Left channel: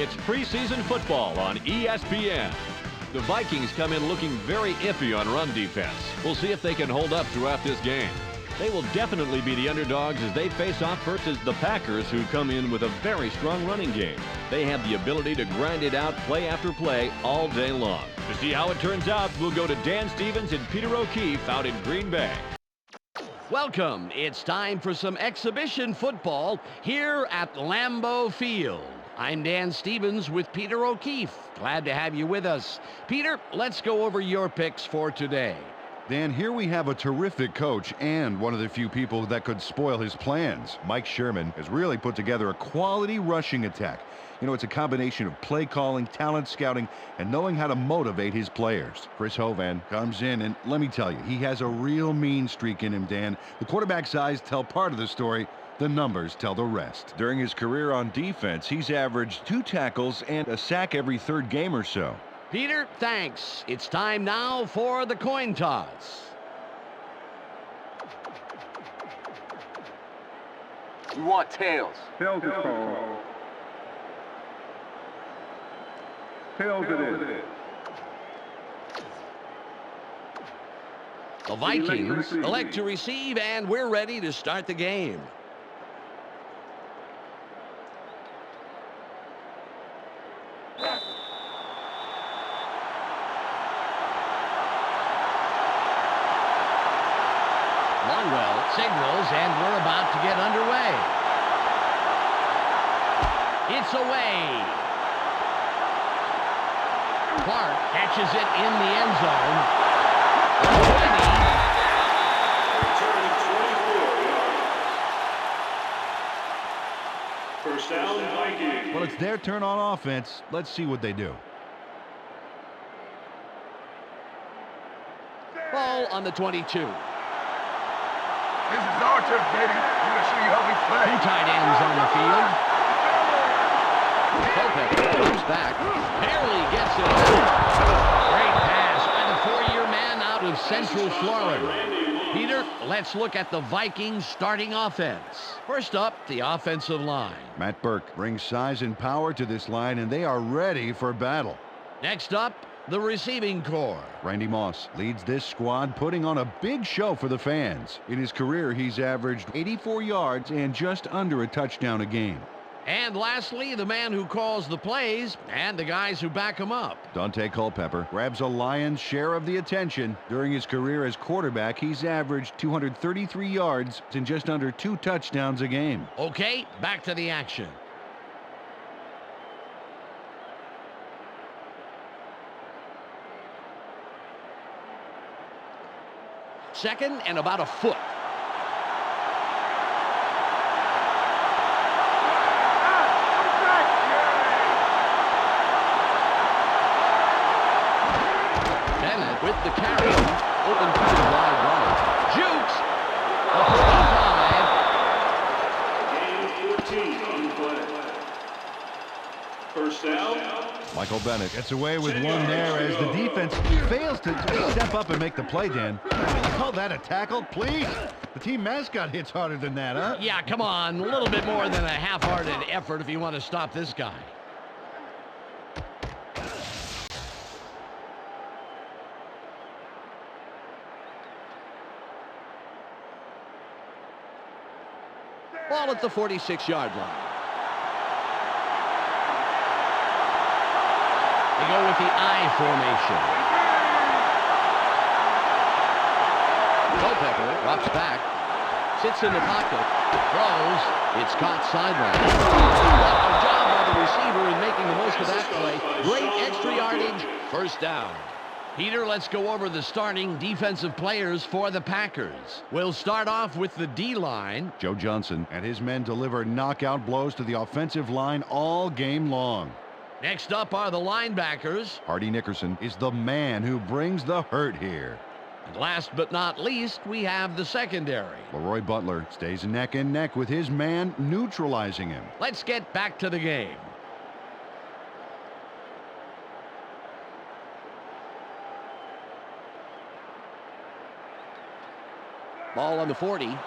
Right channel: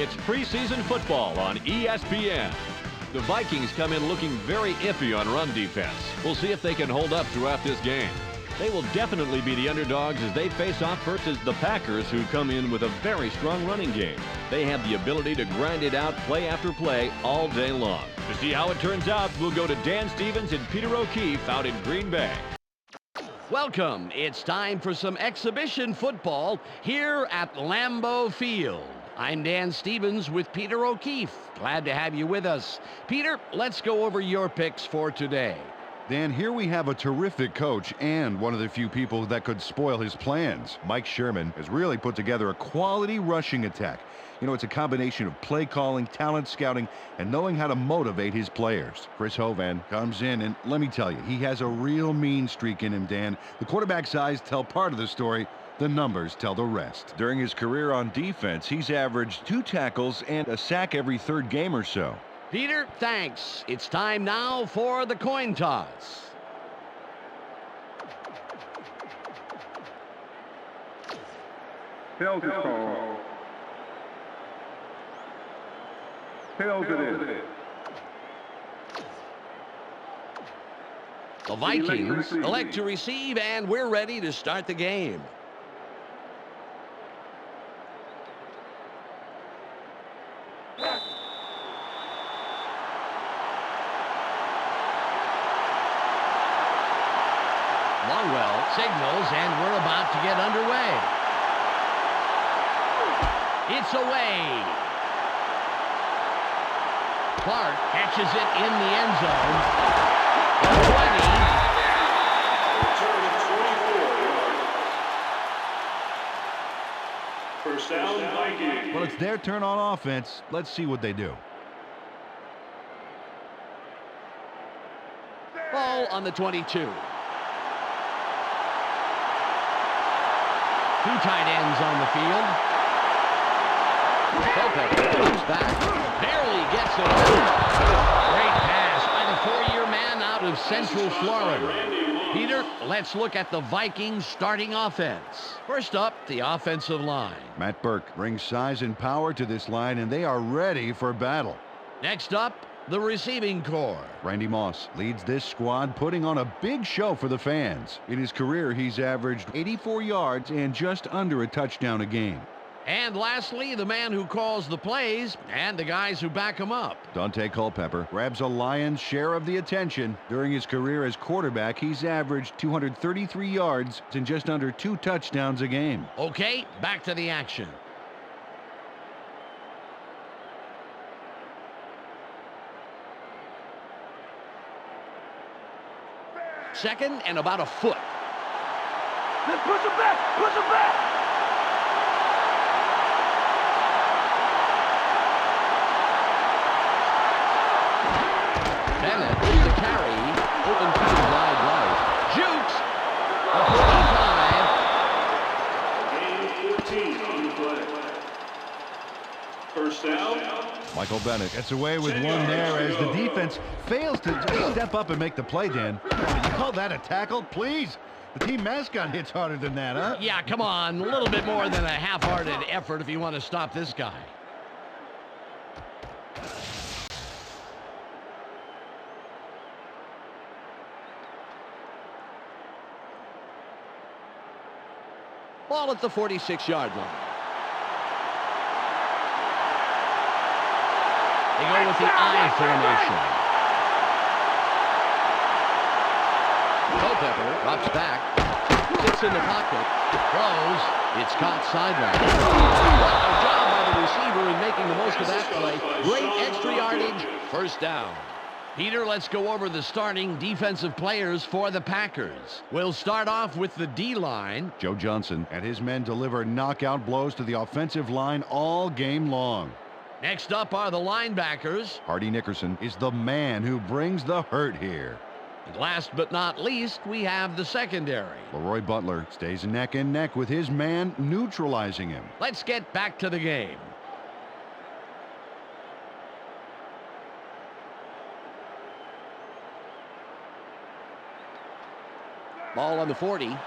It's preseason football on ESPN. The Vikings come in looking very iffy on run defense. We'll see if they can hold up throughout this game. They will definitely be the underdogs as they face off versus the Packers, who come in with a very strong running game. They have the ability to grind it out play after play all day long. To see how it turns out, we'll go to Dan Stevens and Peter O'Keefe out in Green Bay. Welcome. It's time for some exhibition football here at Lambeau Field. I'm Dan Stevens with Peter O'Keefe. Glad to have you with us. Peter, let's go over your picks for today. Dan, here we have a terrific coach and one of the few people that could spoil his plans. Mike Sherman has really put together a quality rushing attack. You know, it's a combination of play calling, talent scouting, and knowing how to motivate his players. Chris Hovan comes in, and let me tell you, he has a real mean streak in him, Dan. The quarterback's eyes tell part of the story. The numbers tell the rest. During his career on defense, he's averaged 2 tackles and a sack every third game or so. Peter, thanks. It's time now for the coin toss. You want tails. Tails is called. Tails it is. The Vikings elect to receive, and we're ready to start the game. Longwell signals, and we're about to get underway. It's away. Clark catches it in the end zone. 20. Return of 24 yards. First down, Vikings. Well, it's their turn on offense. Let's see what they do. Ball on the 22. Two tight ends on the field. Culpepper comes back. Barely gets it out. Great pass by the 4-year man out of Central Florida. Peter, let's look at the Vikings starting offense. First up, the offensive line. Matt Burke brings size and power to this line, and they are ready for battle. Next up, the receiving corps. Randy Moss leads this squad, putting on a big show for the fans. In his career, he's averaged 84 yards and just under a touchdown a game. And lastly, the man who calls the plays and the guys who back him up. Dante Culpepper grabs a lion's share of the attention. During his career as quarterback, he's averaged 233 yards and just under 2 touchdowns a game. Okay, back to the action. Second and about a foot. Push it back! Push it back! Bennett with the carry. Open field wide right. Jukes. A 45. Game 14 on the play. First down. Michael Bennett gets away with one there as the defense fails to step up and make the play, Dan. You call that a tackle? Please. The team mascot hits harder than that, huh? Yeah, come on. A little bit more than a half-hearted effort if you want to stop this guy. Ball at the 46-yard line. They go with the I formation. Culpepper drops back, sits in the pocket, throws. It's caught sideline. What a job by the receiver in making the most of that play. Great extra yardage. First down. Peter, let's go over the starting defensive players for the Packers. We'll start off with the D-line. Joe Johnson and his men deliver knockout blows to the offensive line all game long. Next up are the linebackers. Hardy Nickerson is the man who brings the hurt here. And last but not least, we have the secondary. Leroy Butler stays neck and neck with his man, neutralizing him. Let's get back to the game. Ball on the 40.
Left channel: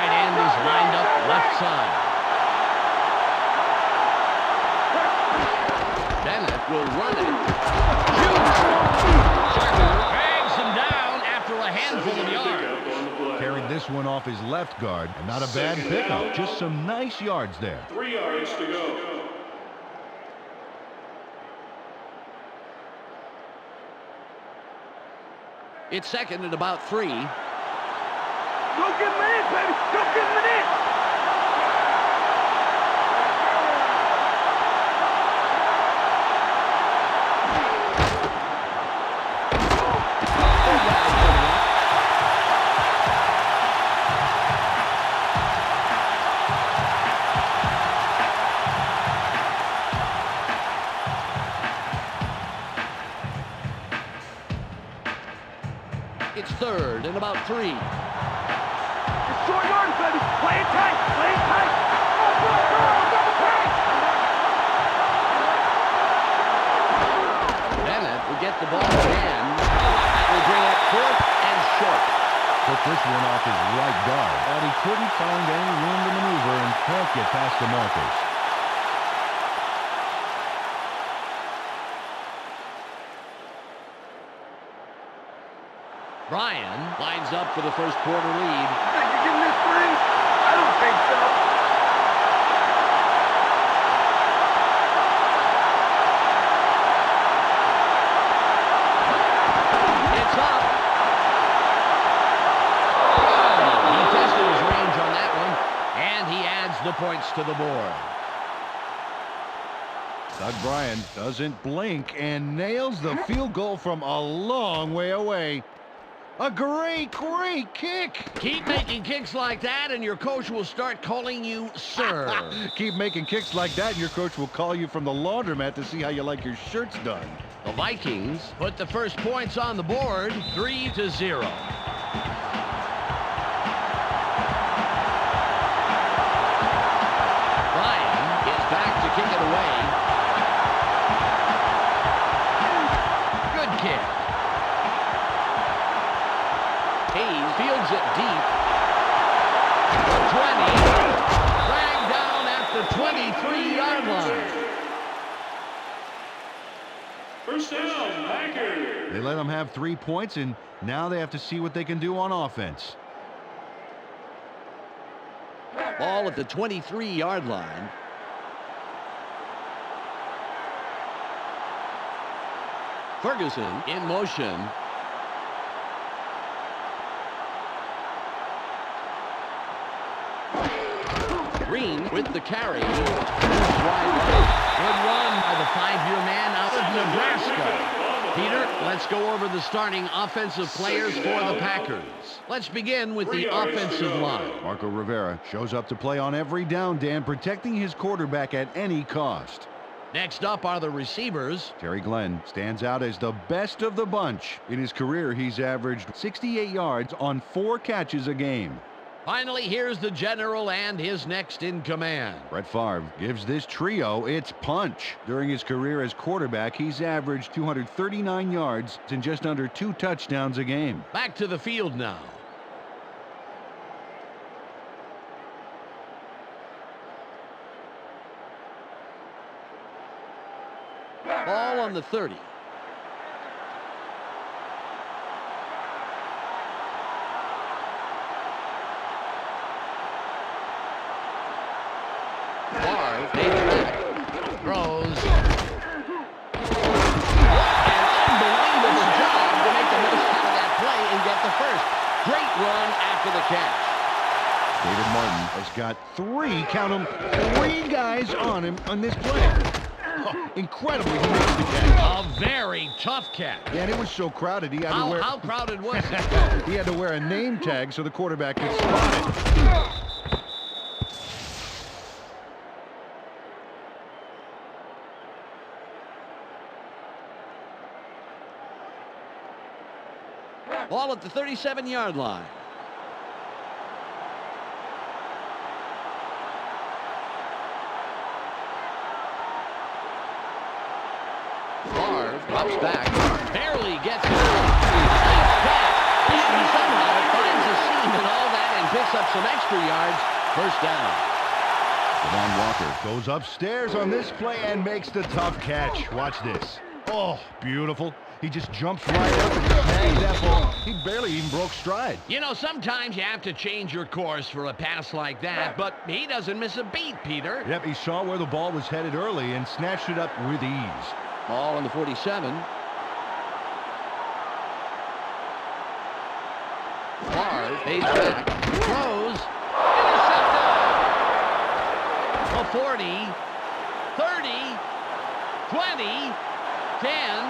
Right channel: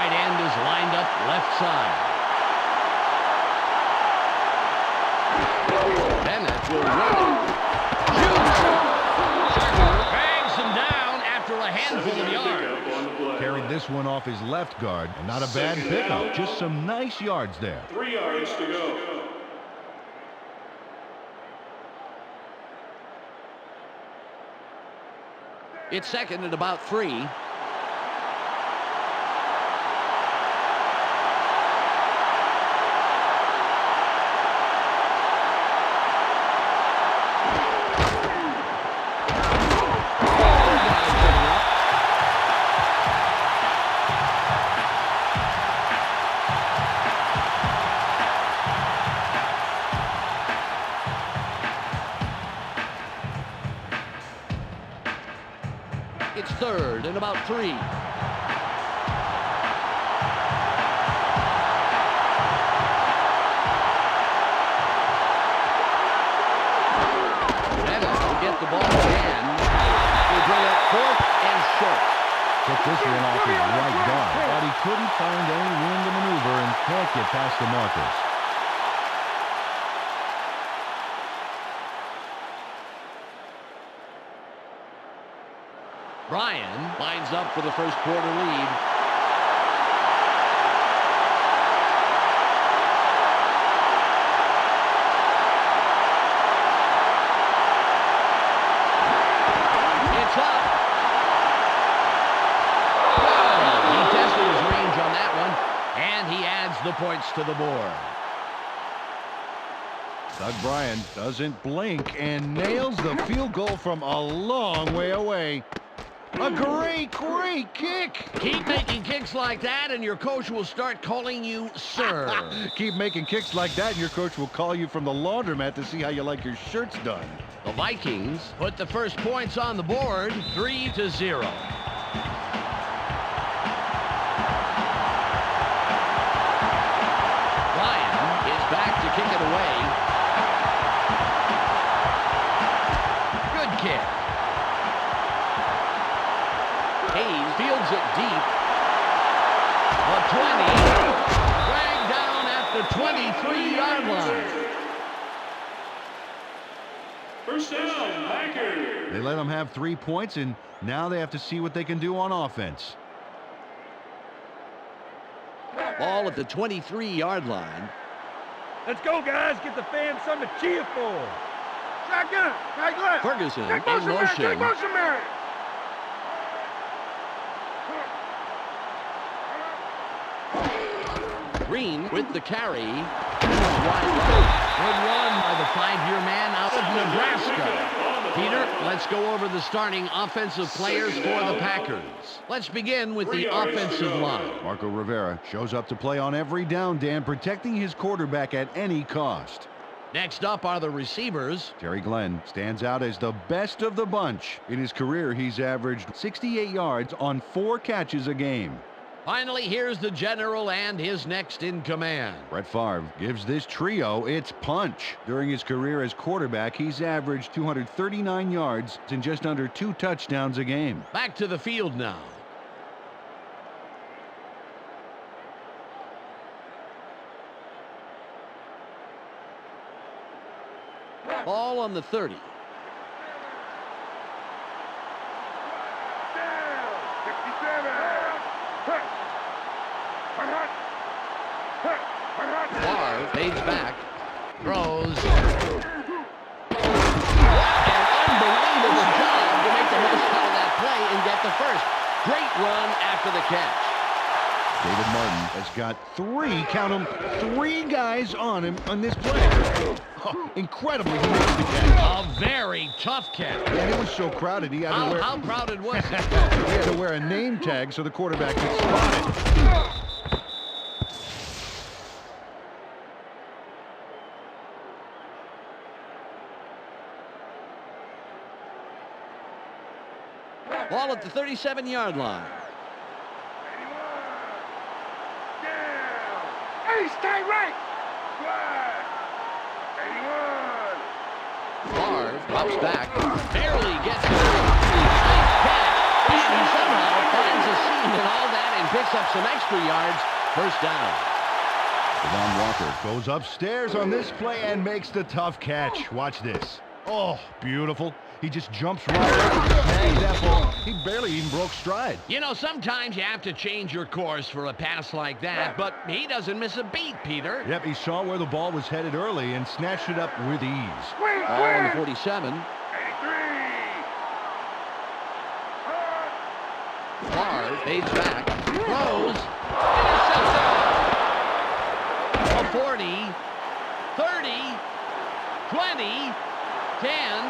Tight end is lined up left side. Bennett will run it. Shoots. Drags him down after a handful of yards. Carried this one off his left guard, and not a bad pickup. Just some nice yards there. 3 yards to go. It's second and about 3. Go get him in, baby. Go get him in. It's third and about 3. Short yardage, baby. Play it tight. Play it tight. Bennett will get the ball again. That will bring up 4th and short. Took this one off his right guard, but he couldn't find any room to maneuver and can't get past the markers. Bryan lines up for the first quarter lead. Think you're getting this free? I don't think so. It's up. Good. He tested his range on that one, and he adds the points to the board. Doug Bryan doesn't blink and nails the field goal from a long way away. A great kick. Keep making kicks like that, and your coach will start calling you sir. Keep making kicks like that, and your coach will call you from the laundromat to see how you like your shirts done. The Vikings put the first points on the board, 3-0. Bryan is back to kick it away. Good kick. Hayes fields it deep. The 20. Dragged down at the 23-yard line. First down, Packers. They let them have 3 points, and now they have to see what they can do on offense. Ball at the 23-yard line. Let's go, guys. Get the fans something to cheer for. Shotgun. Right, left. Ferguson Take in motion. Mary. Green with the carry. Wide right. Good run by the 5-year man out of Nebraska. Peter, let's go over the starting offensive players for the Packers. Let's begin with the offensive line. Marco Rivera shows up to play on every down, Dan, protecting his quarterback at any cost. Next up are the receivers. Terry Glenn stands out as the best of the bunch. In his career, he's averaged 68 yards on 4 catches a game. Finally, here's the general and his next in command. Brett Favre gives this trio its punch. During his career as quarterback, he's averaged 239 yards and just under 2 touchdowns a game. Back to the field now. Ball on the 30. Favre fades back, throws. What an unbelievable job to make the most out of that play and get the first. Great run after the catch. David Martin has got 3, count them, 3 guys on him on this play. Oh, incredibly, he makes the catch. A very tough catch. And it was so crowded, he had to wear... How crowded was it? He had to wear a name tag so the quarterback could spot it. Ball at the 37-yard line. Hey, stay right. Favre drops back, barely gets it. Nice catch. And he somehow finds a seam in all that and picks up some extra yards. First down. Devon Walker goes upstairs on this play and makes the tough catch. Watch this. Oh, beautiful. He just jumps right up and snags that ball. He barely even broke stride. You know, sometimes you have to change your course for a pass like that, but he doesn't miss a beat, Peter. Yep, he saw where the ball was headed early and snatched it up with ease. Ball on the 47. Barr fades back, throws, intercepted. A 40, 30, 20, 10,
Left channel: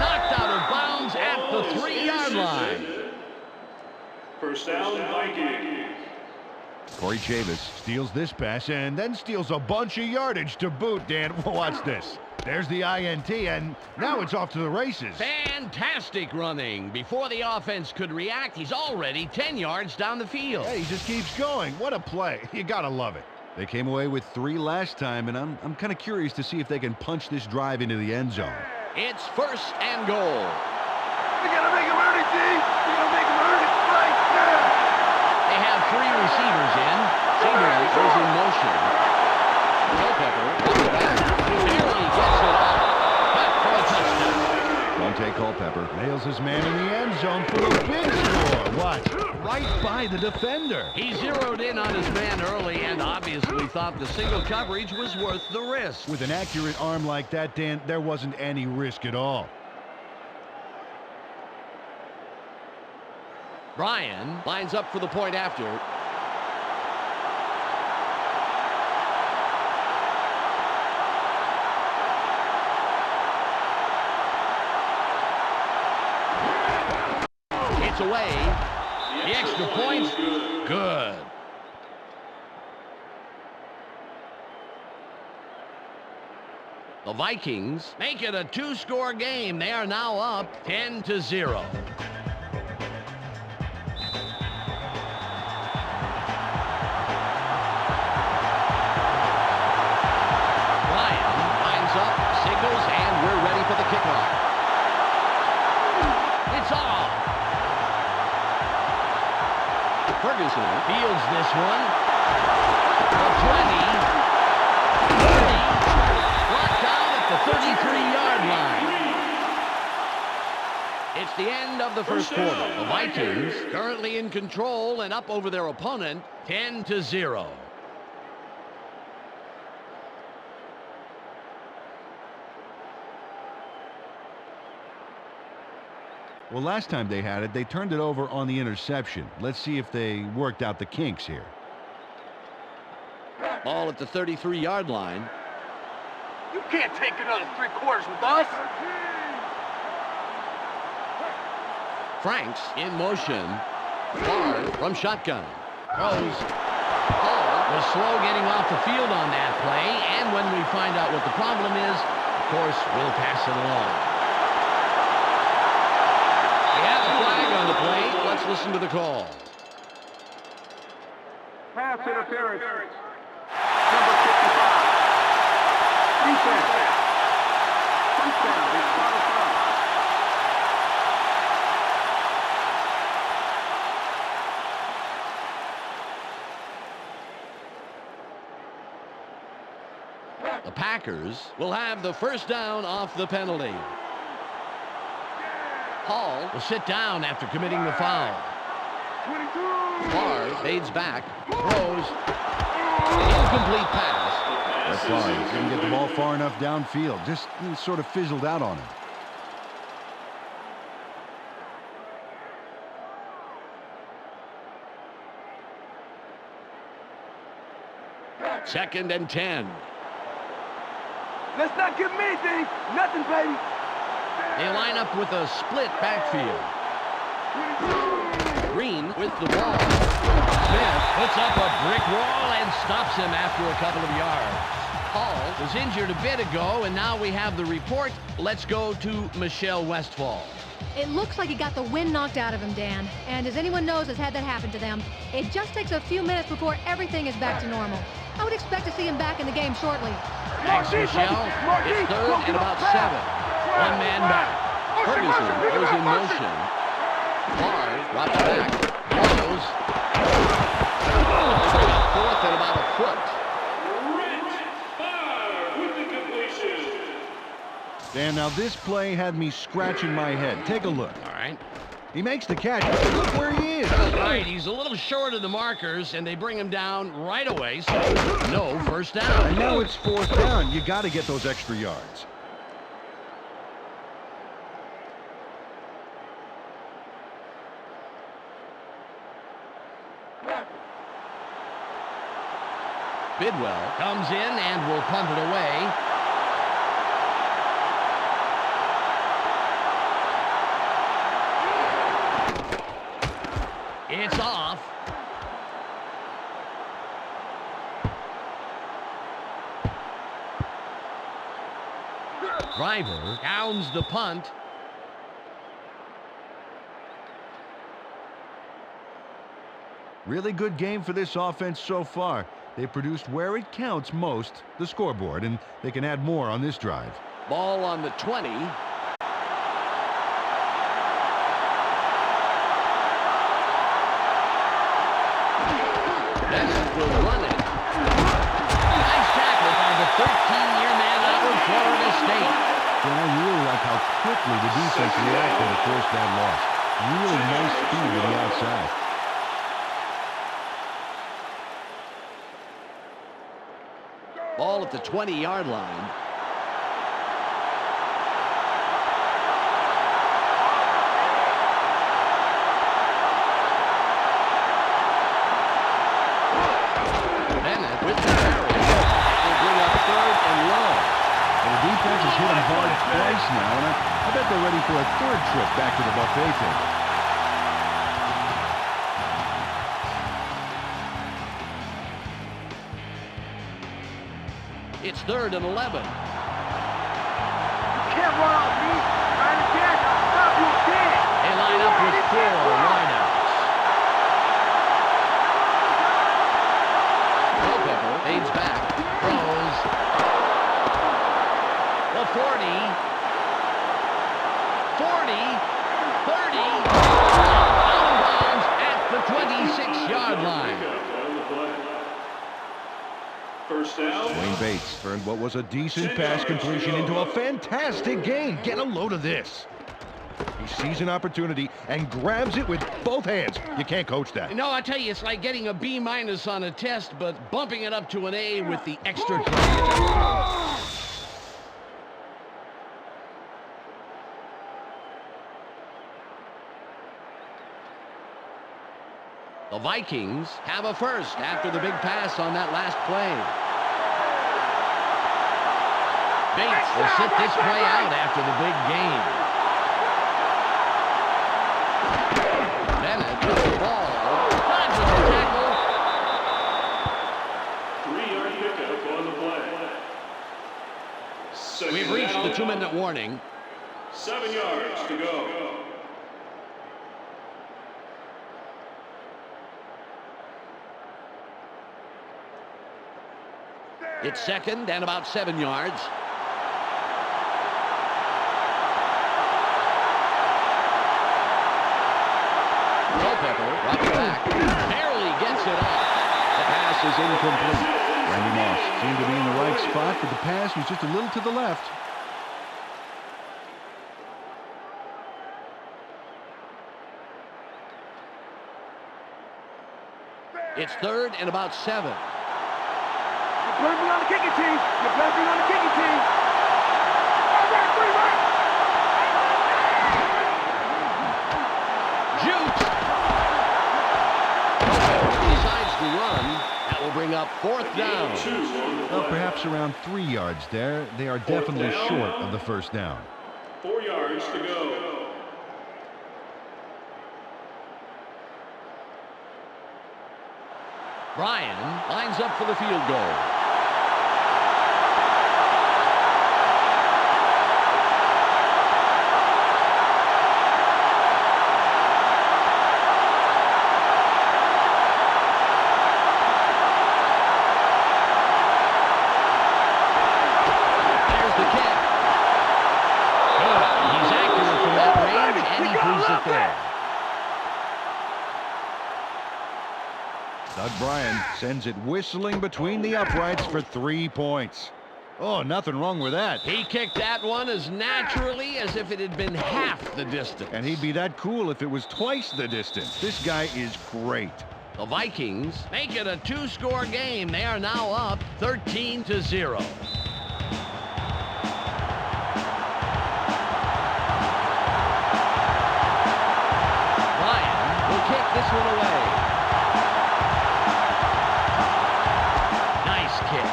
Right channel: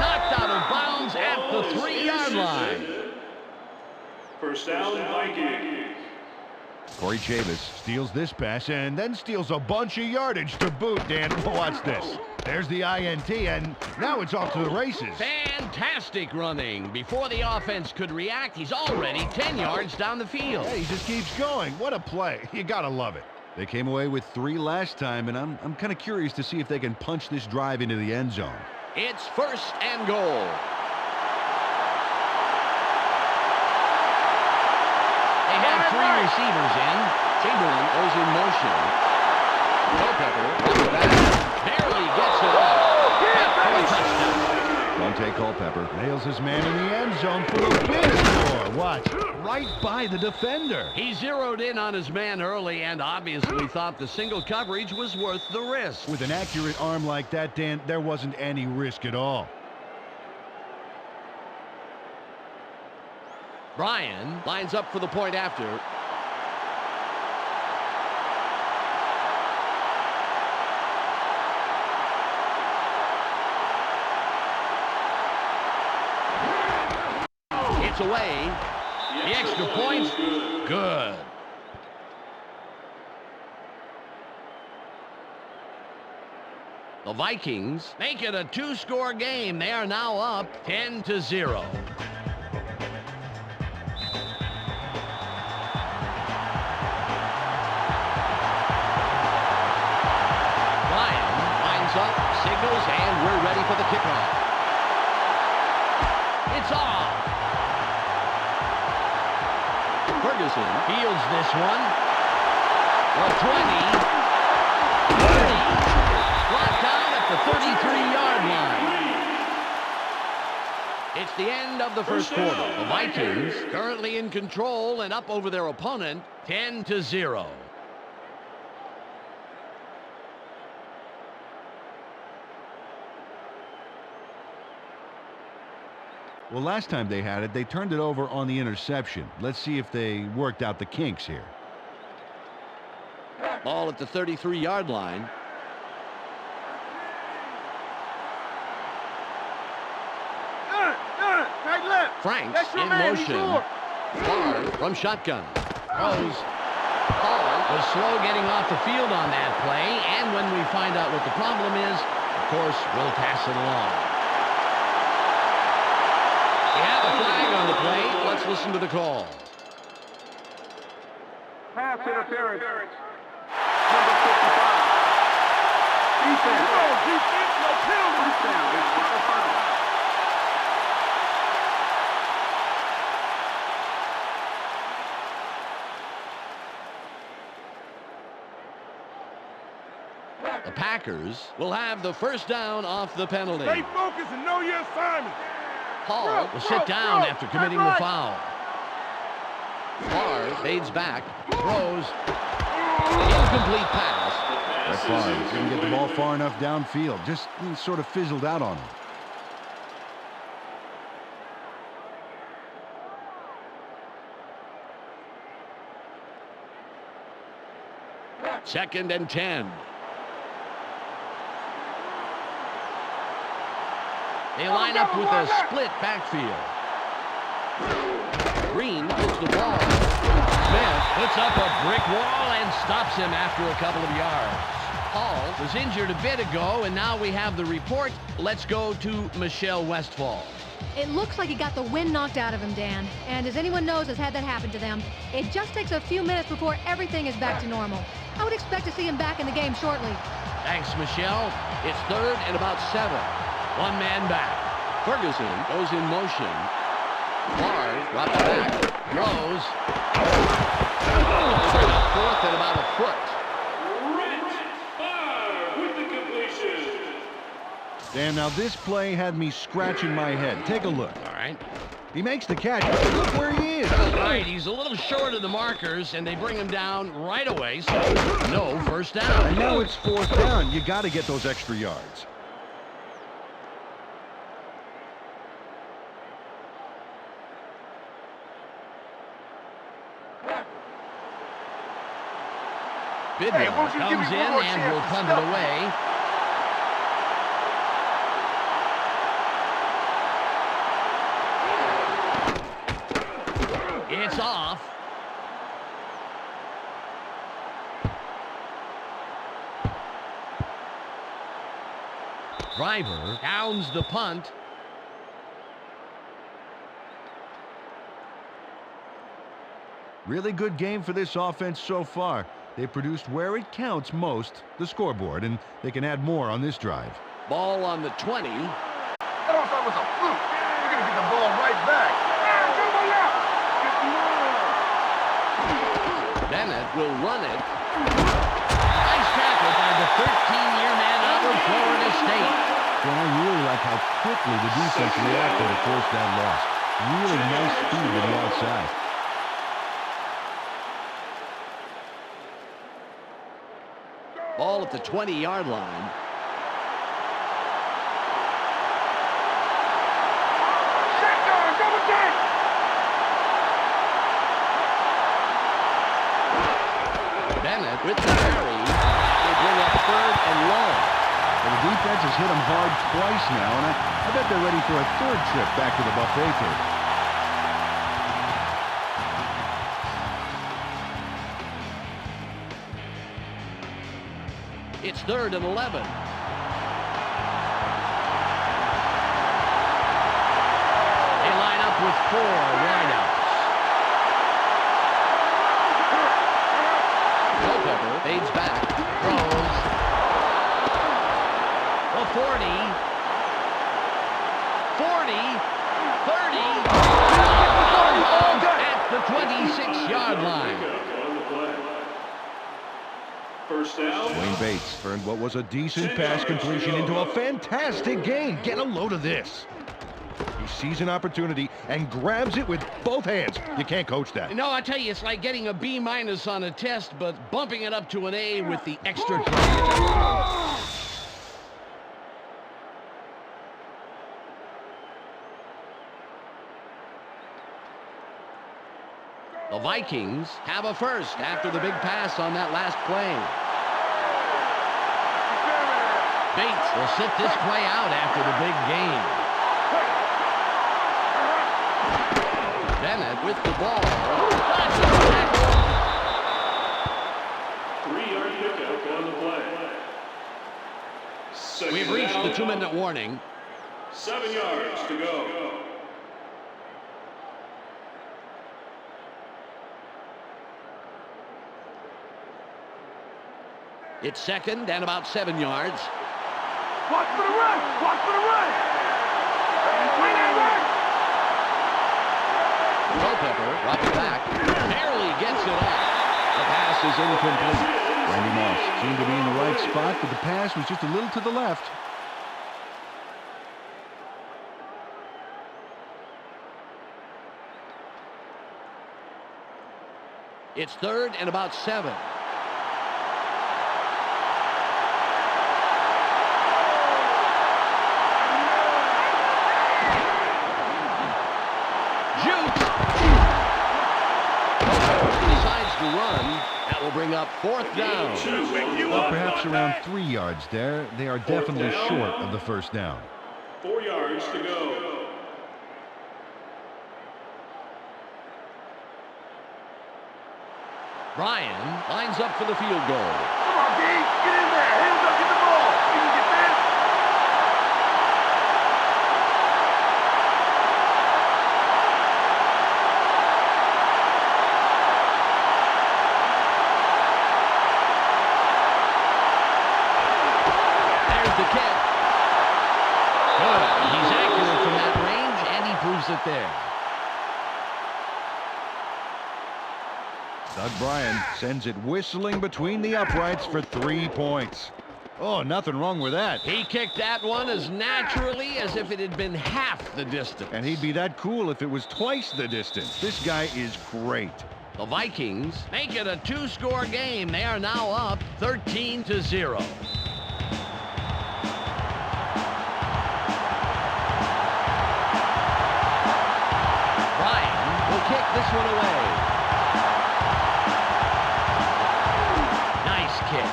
knocked out of bounds at the 3-yard line. First down, Vikings. Corey Chavis steals this pass and then steals a bunch of yardage to boot, Dan. Watch this. There's the INT, and now it's off to the races. Fantastic running. Before the offense could react, he's already 10 yards down the field. Hey, he just keeps going. What a play. You gotta love it. They came away with 3 last time, and I'm kind of curious to see if they can punch this drive into the end zone. It's first and goal. You gotta make him earn it, D. You gotta make him earn it right now. They have 3 receivers in. Chamberlain goes in motion. Culpepper comes back. Barely gets it off. Caught for a touchdown. Dante Culpepper nails his man in the end zone for a big score. Watch. Right by the defender. He zeroed in on his man early and obviously thought the single coverage was worth the risk. With an accurate arm like that, Dan, there wasn't any risk at all. Bryan lines up for the point after. It's away. The extra point's good. The Vikings make it a 2-score game. They are now up 10-0. Bryan lines up, signals, and we're ready for the kickoff. It's off. Ferguson fields this one. A 20, 30, brought down at the 33-yard line. It's the end of the first quarter. The Vikings currently in control and up over their opponent 10-0. Well, last time they had it, they turned it over on the interception. Let's see if they worked out the kinks here. Ball at the 33-yard line. You can't take another 3 quarters with us. Right left. Franks That's your in man, motion. Igor. Barr from shotgun. Throws. Hall was slow getting off the field on that play, and when we find out what the problem is, of course, we'll pass it along. We have a flag on the play. Let's listen to the call. Pass interference. Number 55. Defense. First down. It's not a foul. The Packers will have the first down off the penalty. Stay focused and know your assignment. Hall will sit down after committing the foul. Barr fades back, throws, incomplete pass. Brett Favre didn't get the ball far enough downfield. Just sort of fizzled out on him. Second and 10. Let's not get me, D. Nothing, baby. They line up with a split backfield. Green with the ball. Smith puts up a brick wall and stops him after a couple of yards. Hall was injured a bit ago, and now we have the report. Let's go to Michelle Westfall. It looks like he got the wind knocked out of him, Dan. And as anyone knows has had that happen to them, it just takes a few minutes before everything is back to normal. I would expect to see him back in the game shortly. Thanks, Michelle. It's third and about 7. One man back. Ferguson goes in motion. Bars, drops back, blows. Fourth and about a foot. With the completion. Dan, now this play had me scratching my head. Take a look. All right. He makes the catch, but look where he is. Right, he's a little short of the markers, and they bring him down right away, so no first down. And now it's fourth down. You got to get those extra yards. Bidwell comes in and will punt it away. It's off. Driver downs the punt. Really good game for this offense so far. They produced where it counts most, the scoreboard, and they can add more on this drive. Ball on the 20. That was almost a fluke. You're going to get the ball right back. Bennett will run it. Nice tackle by the 13-year man out of Florida State. And I really like how quickly the defense reacted to force that loss. Really nice speed to the outside. Ball at the 20-yard line. Bennett with the carry. That will bring up third and long. Well, the defense has hit them hard twice now, and I bet they're ready for a third trip back to the buffet table. It's third and 11. Can't run on me. Stop, you can't. They line up with 4 wideouts. Culpepper fades back, throws. The 40, 40, 30, out of bounds at the 26-yard line. First down. Wayne Bates turned what was a decent pass completion into a fantastic gain. Get a load of this. He sees an opportunity and grabs it with both hands. You can't coach that. No, I tell you, it's like getting a B- on a test, but bumping it up to an A with the extra credit. The Vikings have a first after the big pass on that last play. Bates will sit this play out after the big gain. Bennett with the ball. Dodges the tackle. 3-yard pickup on the play. Second We've reached down. the 2-minute warning. 7 yards to go. It's second and about 7 yards. Watch for the run. Watch for the run. Culpepper drops back. Barely gets it off. The pass is incomplete. Randy Moss seemed to be in the right spot, but the pass was just a little to the left. It's third and about 7. You better be on the kicking team. You better be on the kicking team. Jukes. Culpepper decides to run. That will bring up fourth down. Well, perhaps around 3 yards there. They are definitely short of the first down. 4 yards to go. Bryan lines up for the field goal. Get in there. Hands up, get the ball. You can get that. There's the kick. Good. He's accurate from that range, and he proves it there. Doug Bryan sends it whistling between the uprights for 3 points. Oh, nothing wrong with that. He kicked that one as naturally as if it had been half the distance. And he'd be that cool if it was twice the distance. This guy is great. The Vikings make it a 2-score game. They are now up 13-0. Bryan will kick this one away. Nice kick.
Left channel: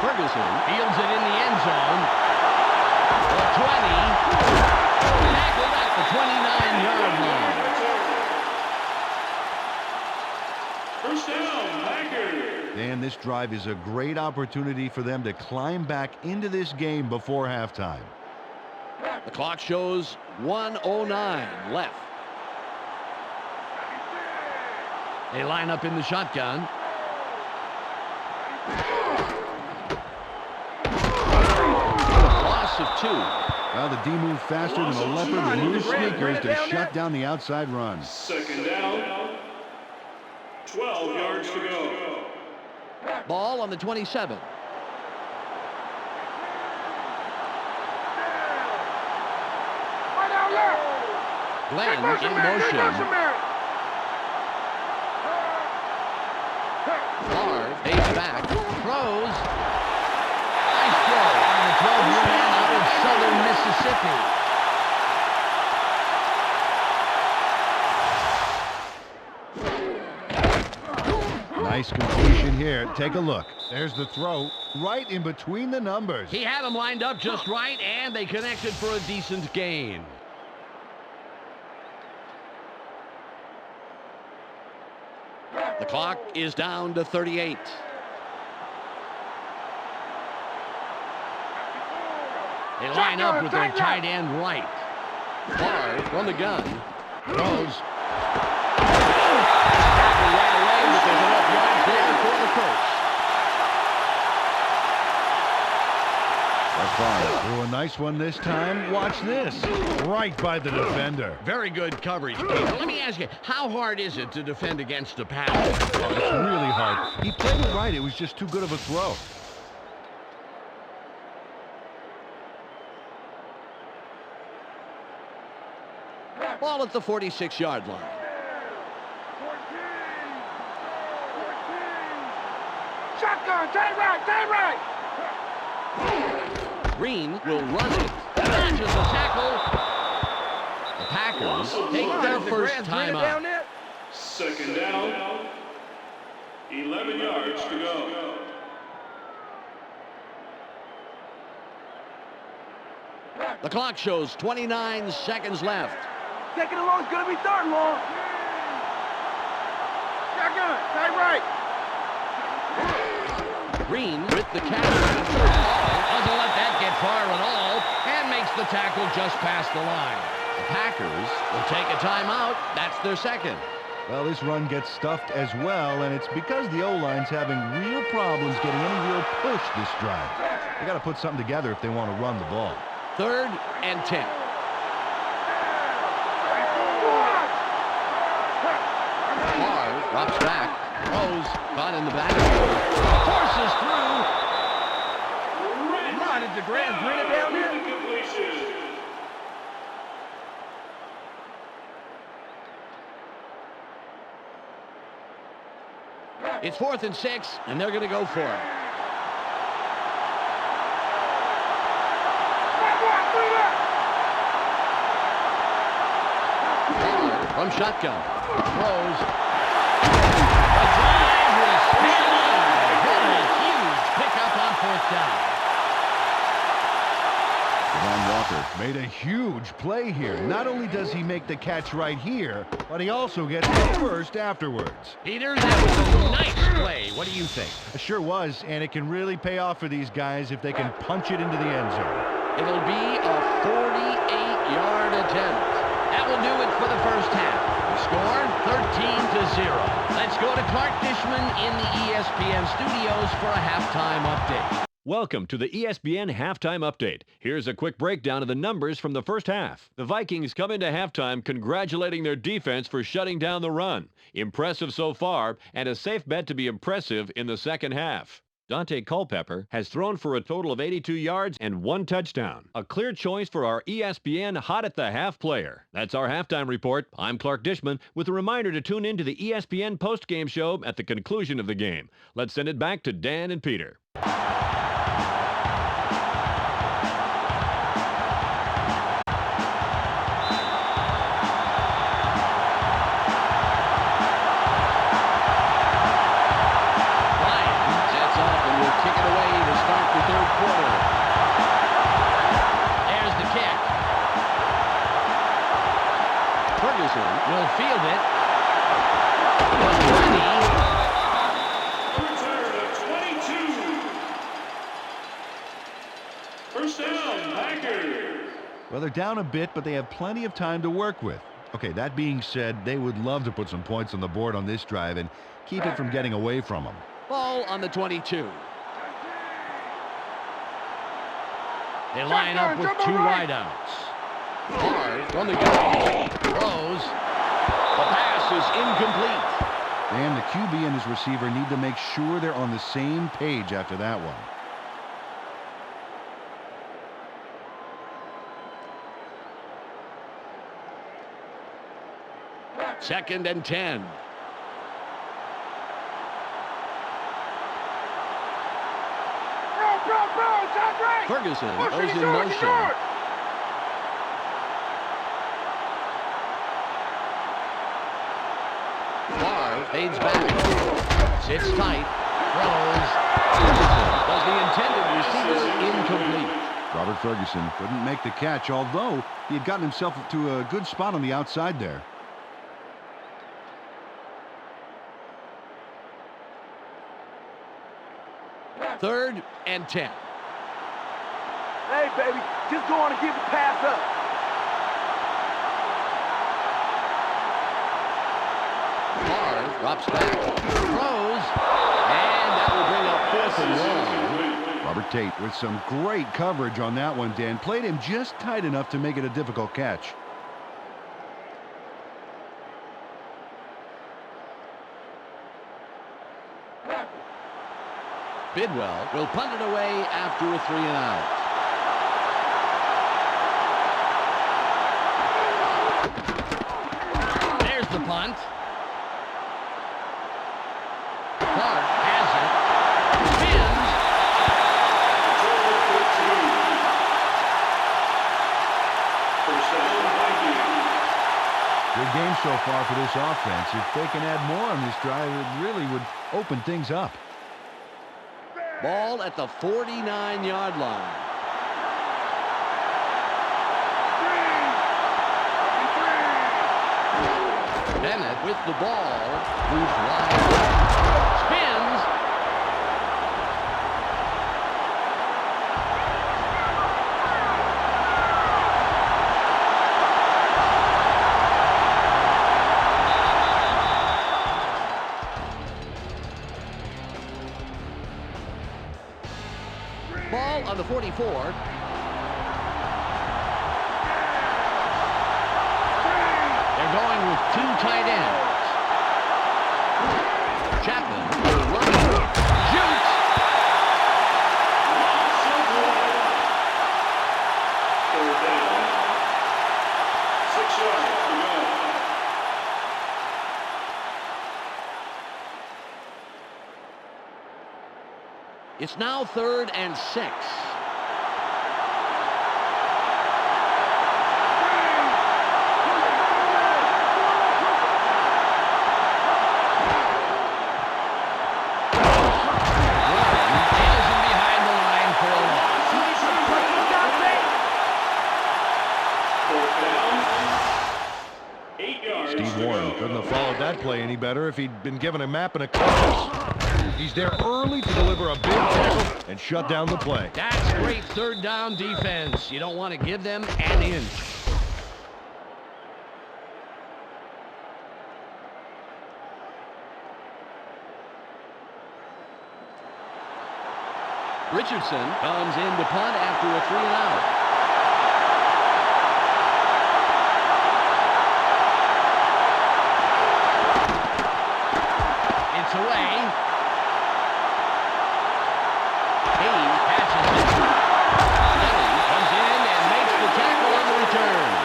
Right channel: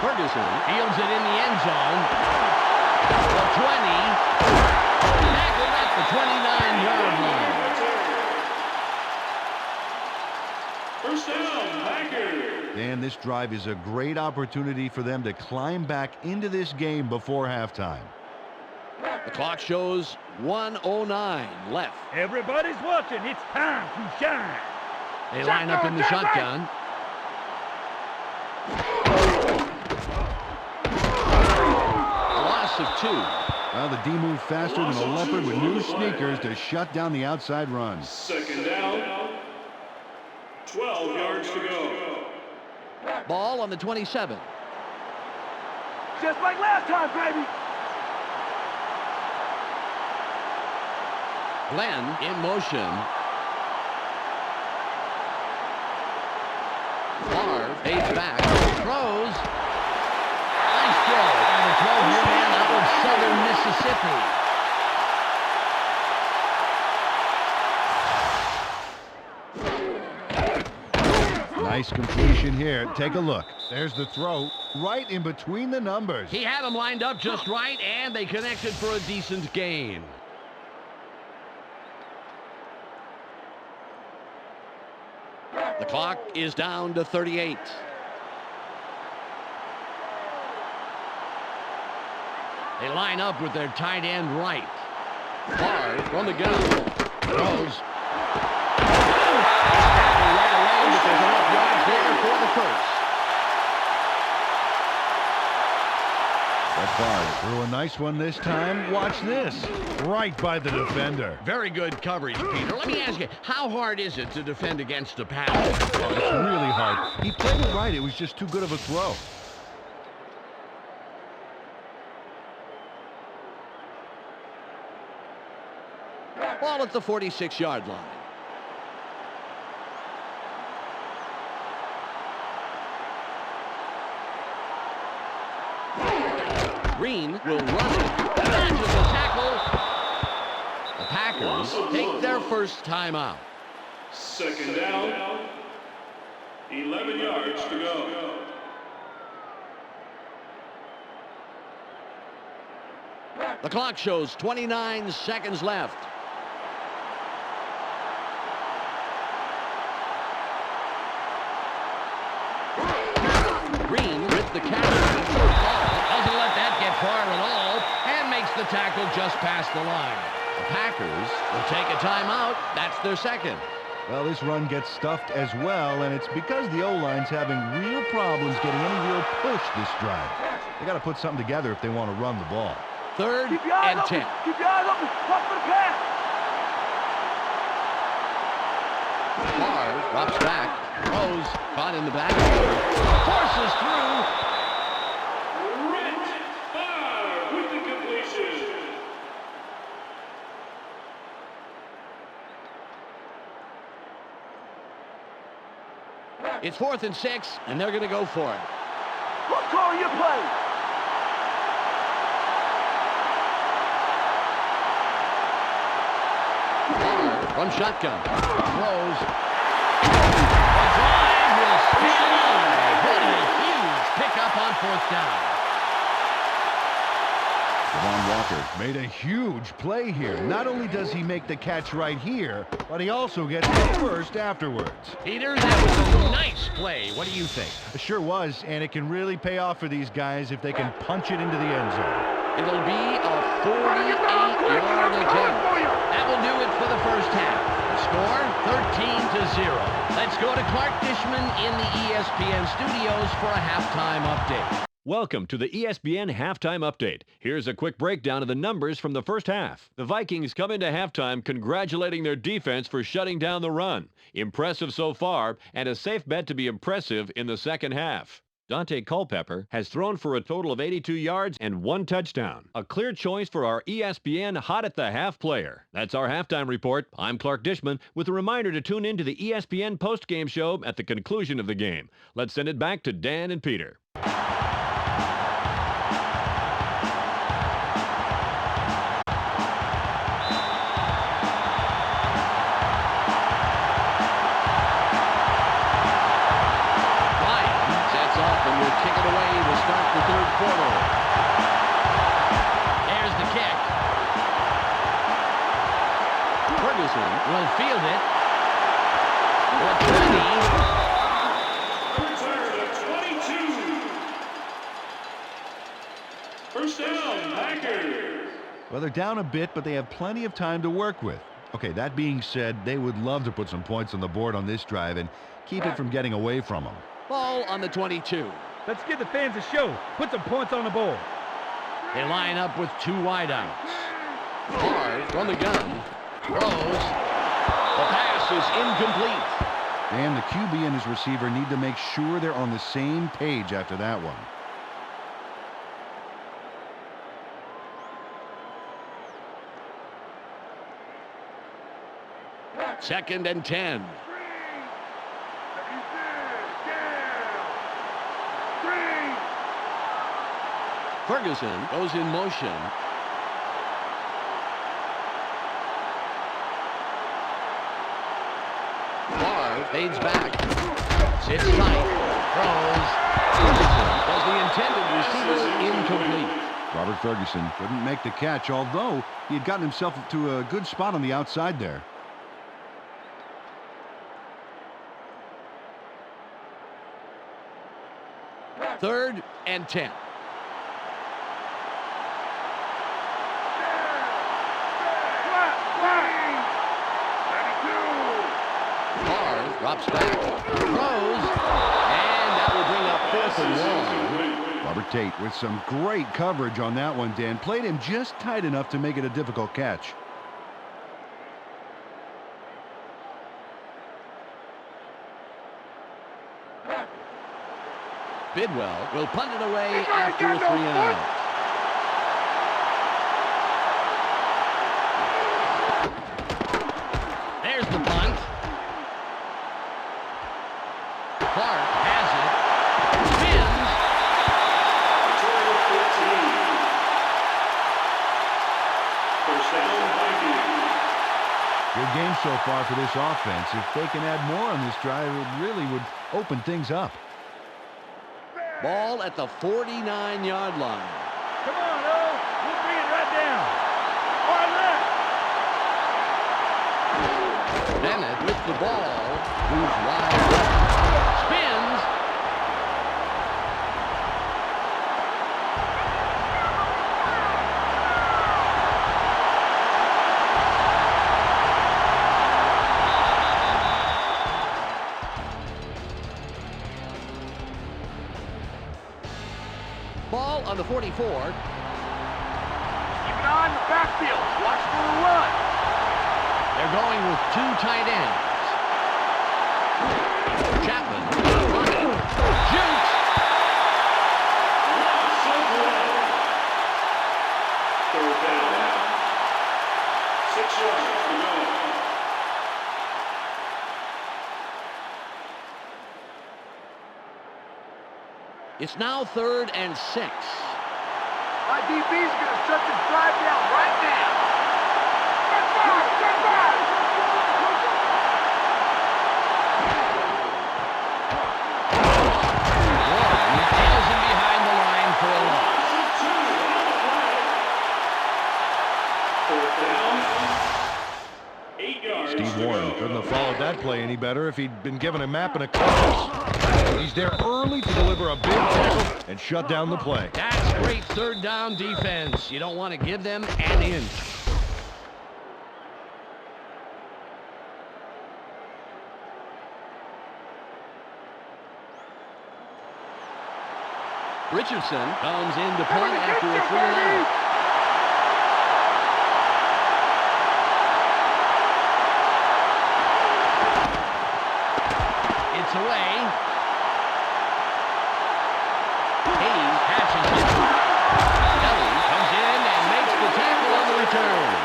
Ferguson fields it in the end zone. The 20. Tackled at the 29-yard line. First down, Packers. And this drive is a great opportunity for them to climb back into this game before halftime. The clock shows 1:09 left. Everybody's watching. It's time to shine. They line up in the shotgun. Loss of 2. Well, the D moved faster than a leopard with new sneakers to shut down the outside run. Second down. 12 yards to go. Ball on the 27. Just like last time, baby. Glenn in motion. Favre fades back. Throws. Nice throw by the 12-year man out of southern Mississippi. Nice completion here. Take a look. There's the throw right in between the numbers. He had them lined up just right, and they connected for a decent gain. The clock is down to 38. They line up with their tight end right. Favre from the gun. Throws. Tackle right away, but there's enough yards there for the first. Brett Favre threw a nice one this time. Watch this. Right by the defender. Very good coverage, Peter. Let me ask you, how hard is it to defend against a pass? Oh, it's really hard. He played it right. It was just too good of a throw. Ball at the 46-yard line. Shotgun, take right. Green will run it. Dodges the tackle. The Packers take their first time out. Second down. 11 yards to go. The clock shows 29 seconds left. Taking it long is going to be third and long. Shotgun, side right. Green with the catch. Doesn't let that get far at all and makes the tackle just past the line. The Packers will take a timeout. That's their second. Well, this run gets stuffed as well, and it's because the O-line's having real problems getting any real push this drive. They got to put something together if they want to run the ball. 3rd and 10. Keep your eyes open. Look for the pass. Favre drops back. Throws. Caught in the back. Forces through. With the completion. It's 4th and 6, and they're going to go for it. Who's calling your play? Favre from shotgun. Throws. The drive will stay alive. What a huge pickup on 4th down. Devon Walker made a huge play here. Not only does he make the catch right here, but he also gets the first afterwards. Peter, that was a nice play. What do you think? It sure was, and it can really pay off for these guys if they can punch it into the end zone. It'll be a 48-yard attempt. That will do it for the first half. The score, 13-0. Let's go to Clark Dishman in the ESPN studios for a halftime update. Welcome to the ESPN Halftime Update. Here's a quick breakdown of the numbers from the first half. The Vikings come into halftime congratulating their defense for shutting down the run. Impressive so far, and a safe bet to be impressive in the second half. Dante Culpepper has thrown for a total of 82 yards and 1 touchdown. A clear choice for our ESPN Hot at the Half player. That's our halftime report. I'm Clark Dishman with a reminder to tune in to the ESPN postgame show at the conclusion of the game. Let's send it back to Dan and Peter. Up and will kick it away to start the third quarter. There's the kick. Ferguson will field it. Return of 22. First down, Packers. Well, they're down a bit, but they have plenty of time to work with. Okay, that being said, they would love to put some points on the board on this drive and keep it from getting away from them. Ball on the 22. Let's give the fans a show. Put some points on the board. They line up with 2 wideouts. Hard from the gun. Throws. The pass is incomplete. And the QB and his receiver need to make sure they're on the same page after that one. Second and 10. Ferguson goes in motion. Barr fades back. Sits tight. Throws. Ferguson does the intended receiver incomplete. Robert Ferguson couldn't make the catch, although he had gotten himself to a good spot on the outside there. Third and 10. Hey, baby, just go on and give the pass up. Barr drops back, throws, and that will bring up 4th and 1. Robert Tate with some great coverage on that one, Dan. Played him just tight enough to make it a difficult catch. Bidwell will punt it away after a 3 and out. There's the punt. Clark has it. Spins. Return of 14. First down, Vikings. Good game so far for this offense. If they can add more on this drive, it really would open things up. Ball at the 49-yard line. Come on, yo. Bring it right down. Bennett with the ball. Moves wide left. Spins. Ball on the 44. On backfield. Watch for the run. They're going with 2 tight ends. Chapman running. Jukes. Lots of blood. Third down. 6 yards to go. It's now 3rd and 6. My DB's going to shut this drive down right now. Warren tails him behind the line for a loss. Lots of 2 on the play. Fourth down. 8 yards Steve to Warren go. couldn't have followed that play any better if he'd been given a map and a compass. He's there early to deliver a big tackle and shut down the play. That's great 3rd down defense. You don't want to give them an inch. Richardson comes in to punt after a 3-and-out. It's away. Hayes catches it. Kelly comes in and makes the tackle on the return.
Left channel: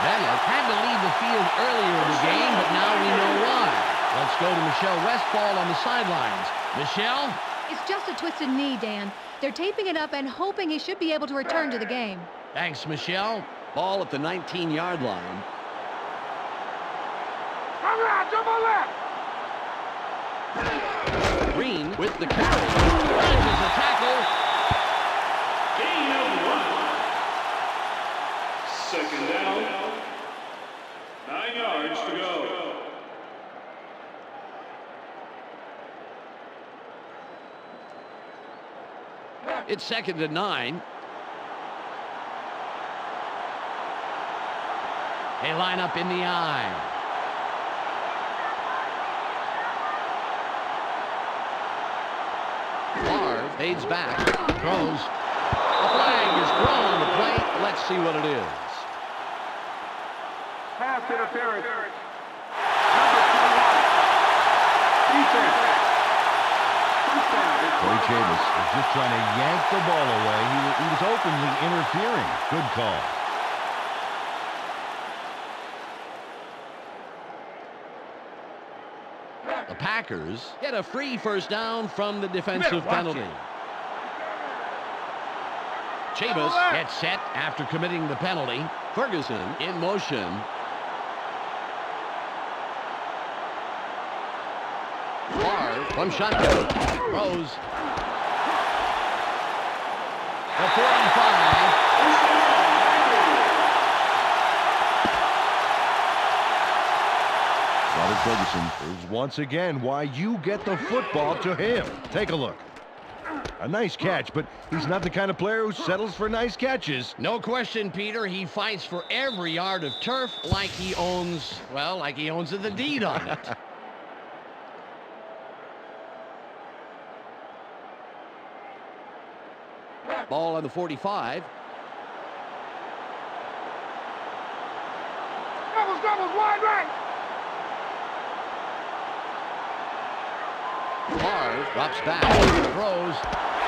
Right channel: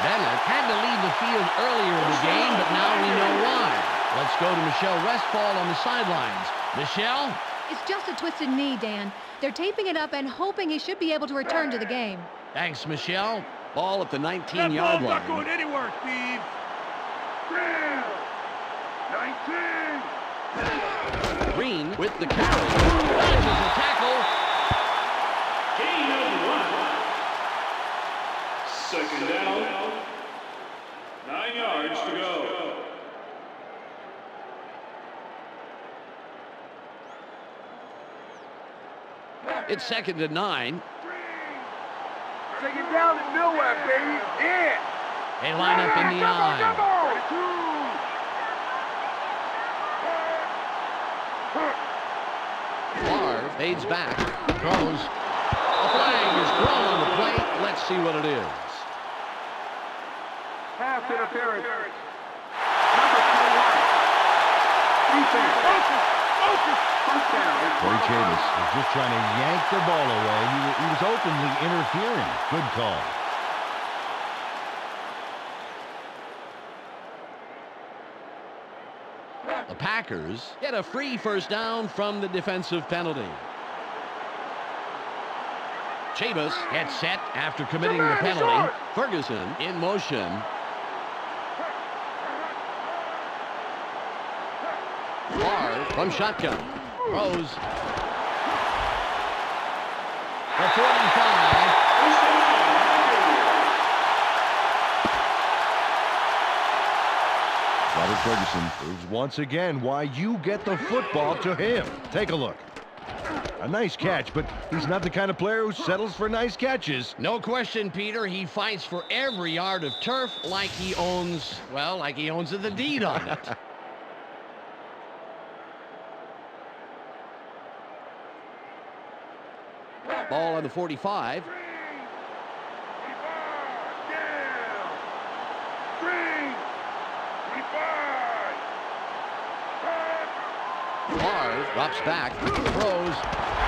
Bennett had to leave the field earlier in the game, but now we know why. Let's go to Michelle Westfall on the sidelines. Michelle? It's just a twisted knee, Dan. They're taping it up and hoping he should be able to return to the game. Thanks, Michelle. Ball at the 19-yard line. Going anywhere, Steve. Green with the carry. Dodges a tackle. Gain of 1. Second down. 9 yards to go. It's 2nd and 9. Take it down to nowhere, baby. Yeah. They line up in the eye. Favre fades back, throws. A flag is thrown on the plate. Let's see what it is. Pass interference. Number 21. Defense. First down. Corey Chavis was just trying to yank the ball away. He was openly interfering. Good call. The Packers get a free first down from the defensive penalty. Chavis gets set after committing the penalty. Ferguson in motion. Favre from shotgun. Throws. The 45. First down, Robert Ferguson proves once again why you get the football to him. Take a look. A nice catch, but he's not the kind of player who settles for nice catches. No question, Peter. He fights for every yard of turf like he owns, well, like he owns the deed on it. Ball on the 45. Favre drops back, throws.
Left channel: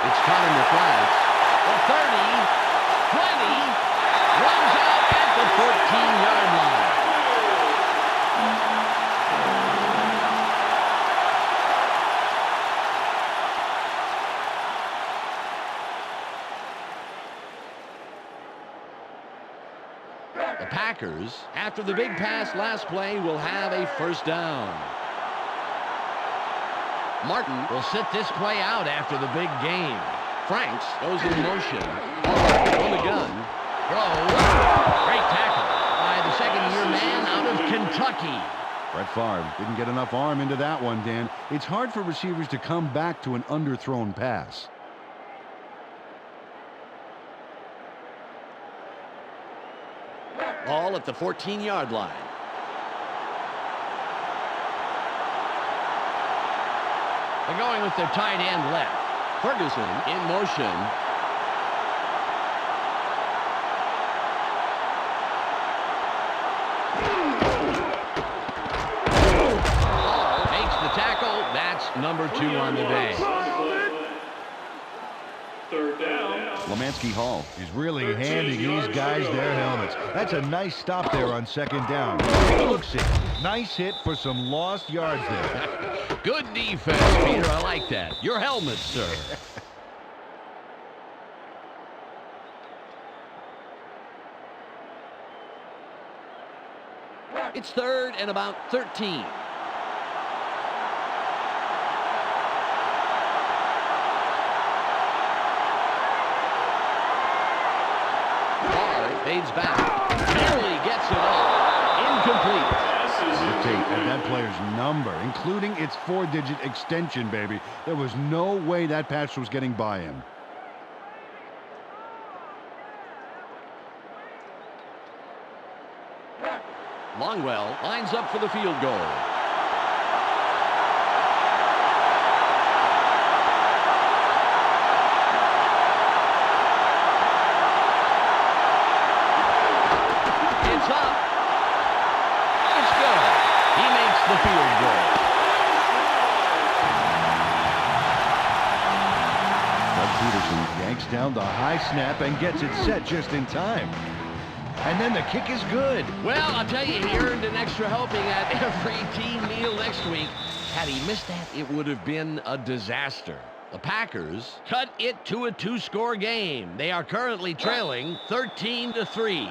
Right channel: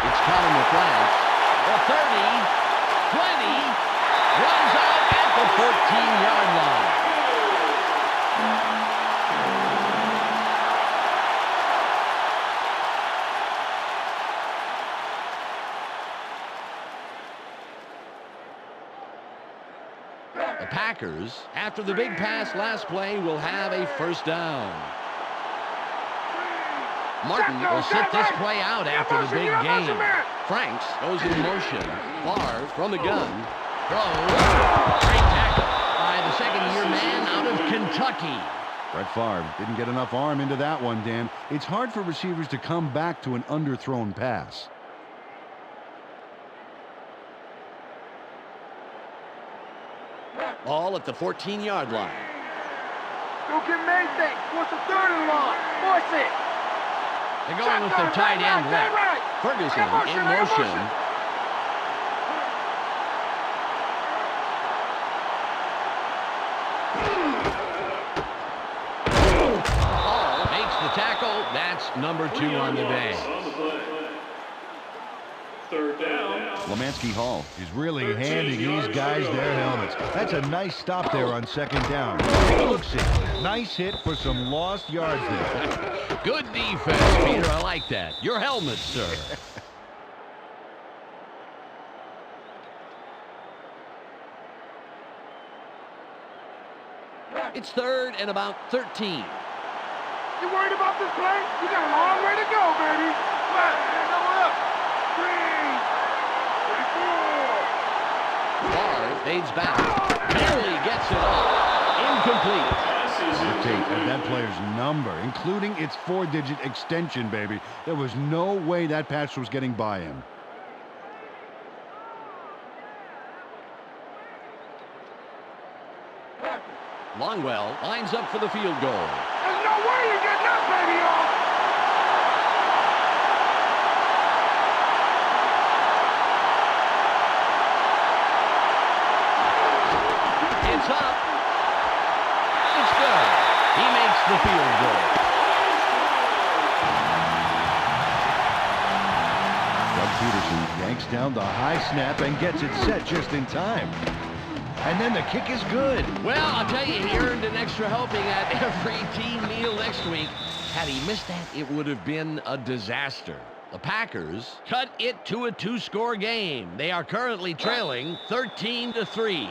It's caught in the flanks. The 30, 20, runs out at the 14-yard line. The Packers, after the big pass last play, will have a first down. Martin will sit this play out after the big game. Franks goes in motion. Favre from the gun. Throws. Great tackle by the second-year man out of Kentucky. Brett Favre didn't get enough arm into that one, Dan. It's hard for receivers to come back to an underthrown pass. Ball at the 14-yard line. Go get Mason. What's the third and long? Force it. They're going with their tight end left. Ferguson in motion. Hall makes the tackle. That's number 2 on the day. Third down. Lemansky Hall is really handing these guys their helmets. That's a nice stop there on second down. Looks it. Nice hit for some lost yards there. Good defense, Peter. I like that. Your helmet, sir. It's 3rd and about 13. You worried about this play? You got a long way to go, baby. Come on, double up. Favre fades back. Barely gets it off. Incomplete. At that player's number, including its 4-digit extension, baby. There was no way that pass was getting by him. Longwell lines up for the field goal. There's no way you get that baby It's up. It's good. He makes the field goal. Doug Peterson yanks down the high snap and gets it set just in time. And then the kick is good. Well, I'll tell you, he earned an extra helping at every team meal next week. Had he missed that, it would have been a disaster. The Packers cut it to a 2-score game. They are currently trailing 13-3.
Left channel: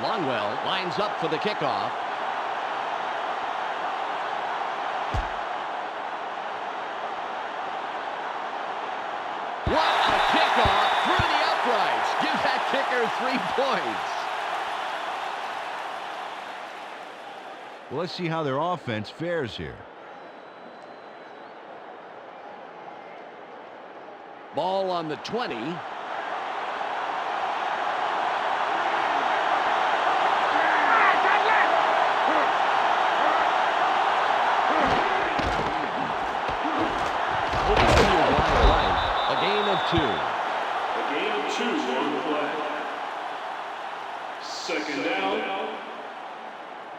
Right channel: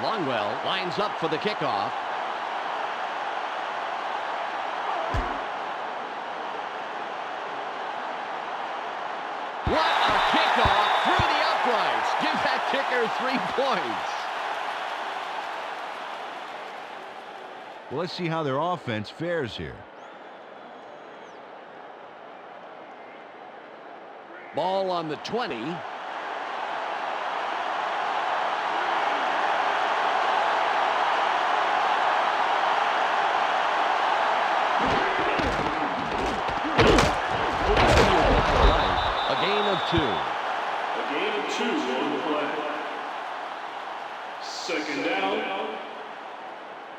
Longwell lines up for the kickoff. What a kickoff through the uprights. Give that kicker 3 points. Well, let's see how their offense fares here. Ball on the 20. Open field wide right. A gain of 2. A gain of 2 on the play. Second down.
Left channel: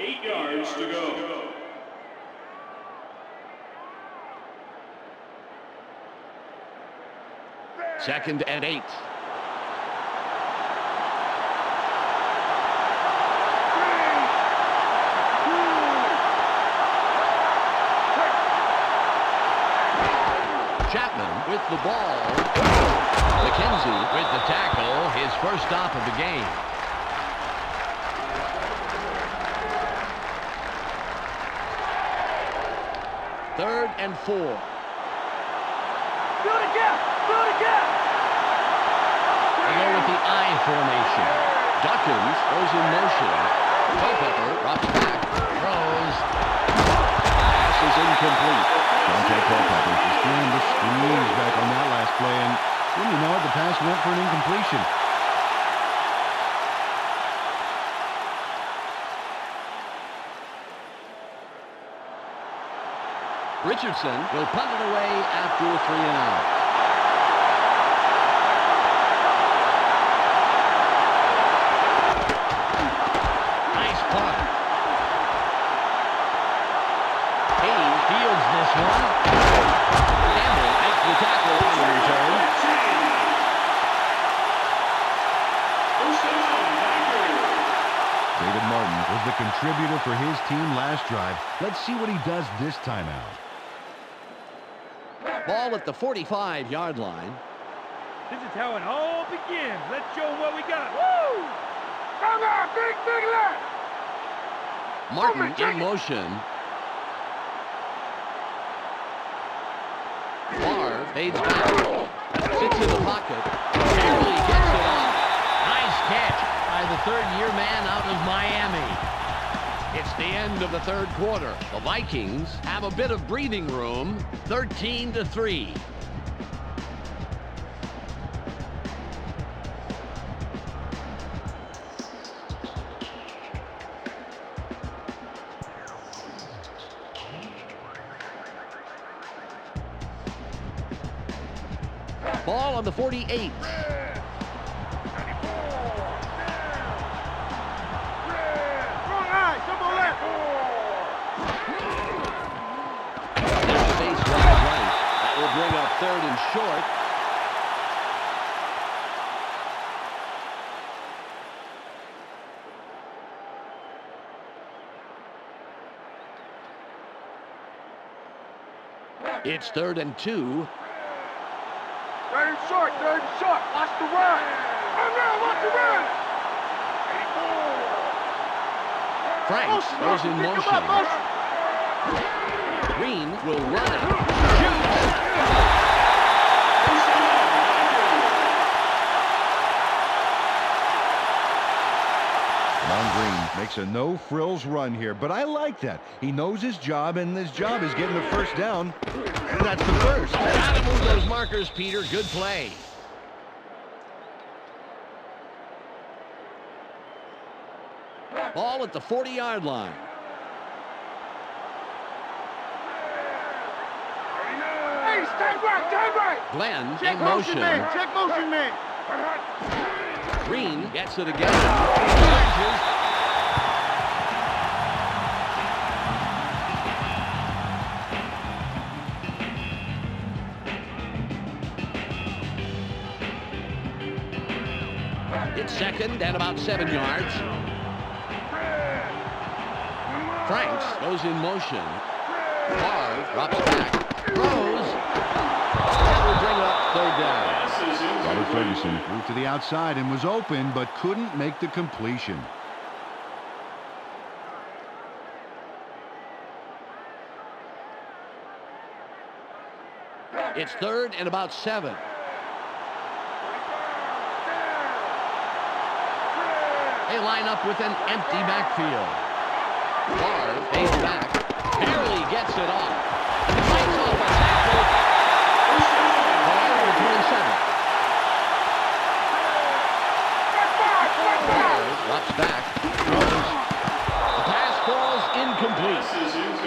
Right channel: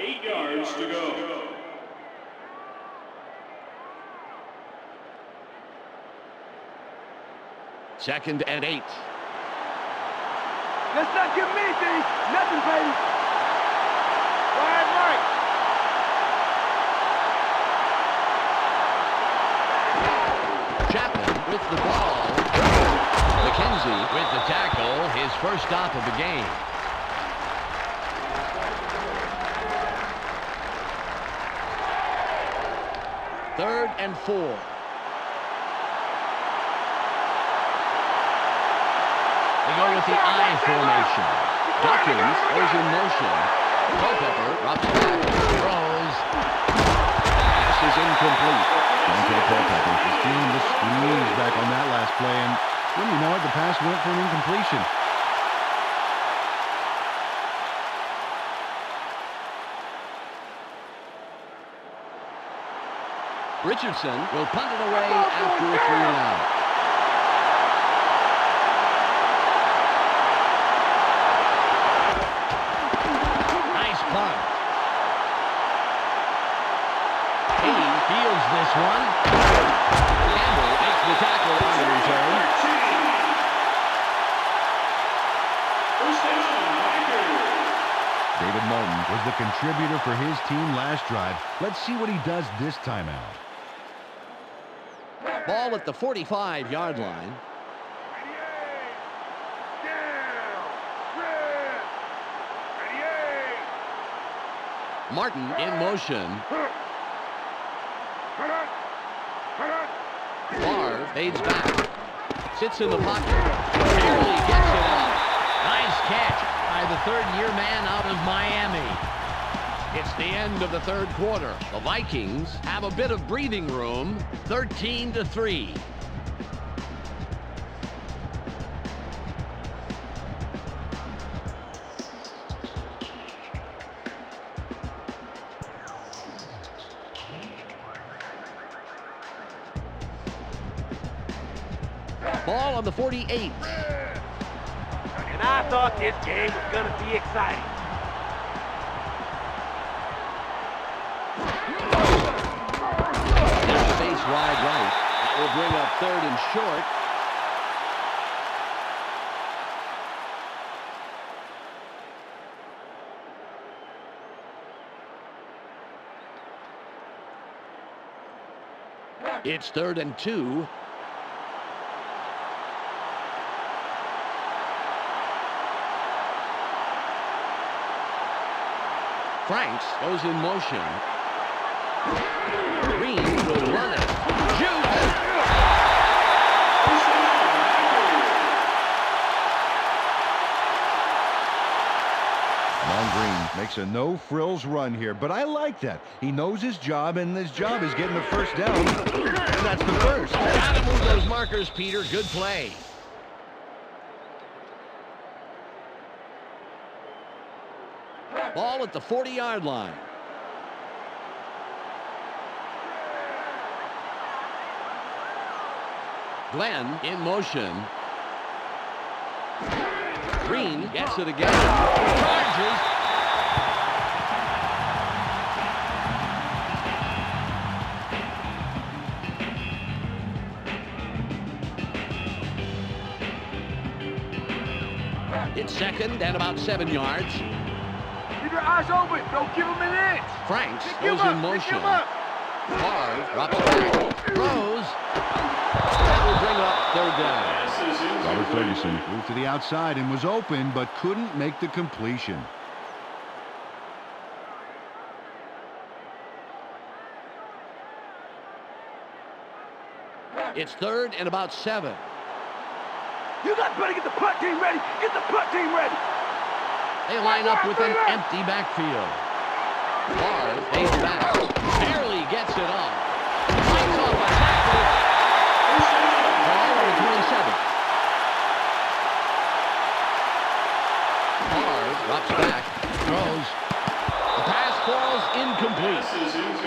8 yards to go. Second and 8. Let's not give me anything. Nothing, baby. Wide right. Chapman with the ball. McKenzie with the tackle. His first stop of the game. Third and 4. Do it again. Do it again. They go with the I formation. Dawkins goes in motion. Culpepper drops back. Throws. Pass is incomplete. Dante Culpepper just feeling the squeeze back on that last play, and when you know it, the pass went for an incompletion. Richardson will punt it away after a 3-and-out. Nice punt. Hayes fields this one. Campbell makes the tackle on the return. First down, Packers. David Martin was the contributor for his team last drive. Let's see what he does this time out. Ball at the 45-yard line. This is how it all begins. Let's show what we got. Come on, big leg. Martin in motion. Favre fades back. Sits in the pocket. Barely gets it off. Nice catch by the third-year man out of Miami. It's the end of the third quarter. The Vikings have a bit of breathing room. 13-3. Ball on the 48. And I thought this game was going to be exciting. Wrong eye, come on left. There's space wide right. That will bring up third and short. It's 3rd and 2. Third and short, third and short. Watch the run. Come on, watch the run. Franks goes in motion. Green will run it. Shoots! First down, Packers. Amon Green makes a no-frills run here, but I like that. He knows his job, and his job is getting the first down, and that's the first. Gotta move those markers, Peter. Good play. Ball at the 40-yard line. Hey, stand right, stand right. Glenn Check in motion, motion. man. Check Motion man. Green gets it again. Charges. It's second and about 7 yards. Keep your eyes open. Don't give him an inch. Franks goes in motion. Favre drops back. Throws. That will bring up third down. Robert Ferguson moved to the outside and was open, but couldn't make the completion. It's third and about 7. You guys better get the punt team ready. Get the punt team ready. They line up with an empty backfield. Favre pays back. Barely gets it off. Fights off a tackle. Favre on the 27. Favre drops back. Throws. The pass falls incomplete.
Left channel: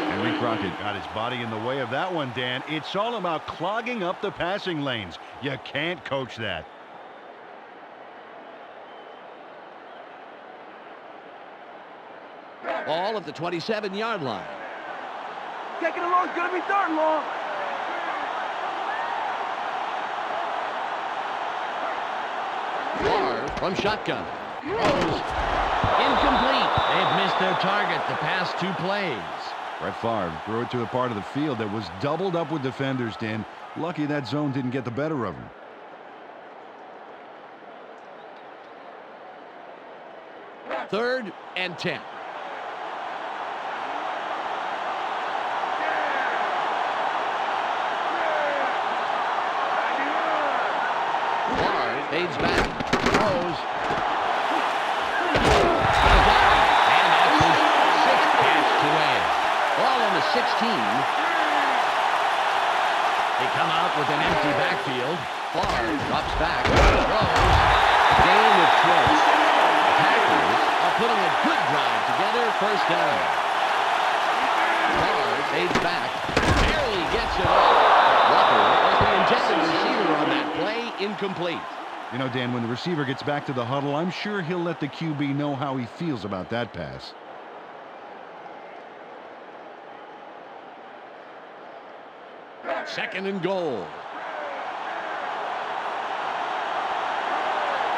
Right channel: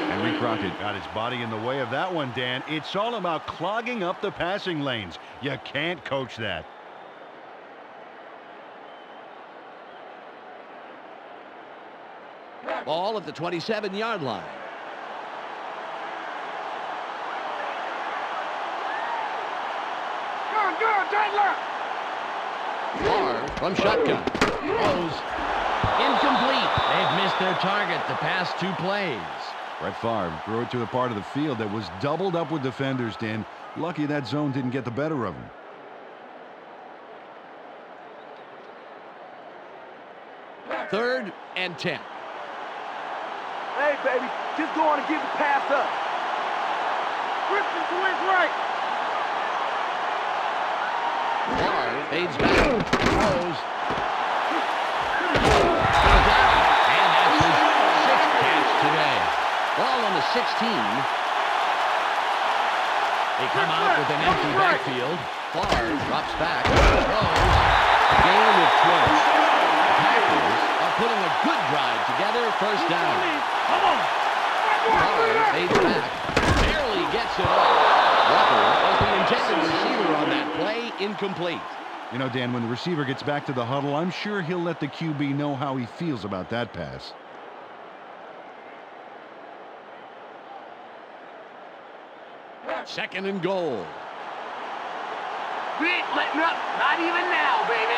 Henry Crockett got his body in the way of that one, Dan. It's all about clogging up the passing lanes. You can't coach that. Ball at the 27-yard line. Taking it long. It's going to be third and long. Go, turn left. Favre from shotgun. Throws. Incomplete. They've missed their target the past 2 plays. Brett Favre threw it to the part of the field that was doubled up with defenders, Dan. Lucky that zone didn't get the better of him. Third and 10. Hey, baby. Just go on and give the pass up. Christian to his right. Favre fades back. Throws. Goes out. And that's his 6th catch today. Ball on the 16. They come out with an empty backfield. Favre drops back. Throws. A gain of 12. The Packers are putting a good drive together. First down. Favre fades back. Barely gets it off. Walker was the intended receiver on that play. Incomplete. You know, Dan, when the receiver gets back to the huddle, I'm sure he'll let the QB know how he feels about that pass. Second and goal. We ain't letting up. Not even now, baby.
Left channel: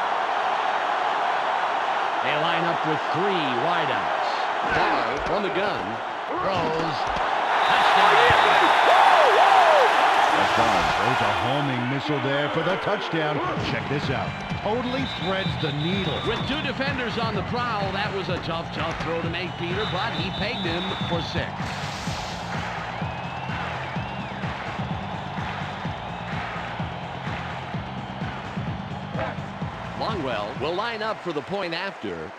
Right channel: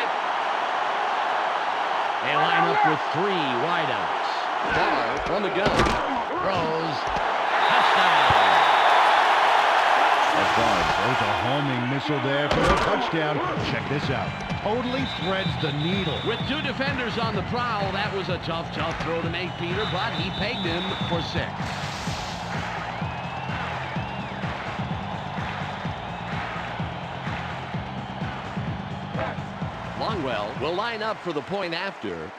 They line up with 3 wideouts. Favre from the gun. Throws. Touchdown. Brett Favre throws a homing missile there for the touchdown. Check this out. Totally threads the needle. With 2 defenders on the prowl, that was a tough throw to make, Peter, but he pegged him for 6. Longwell will line up for the point after.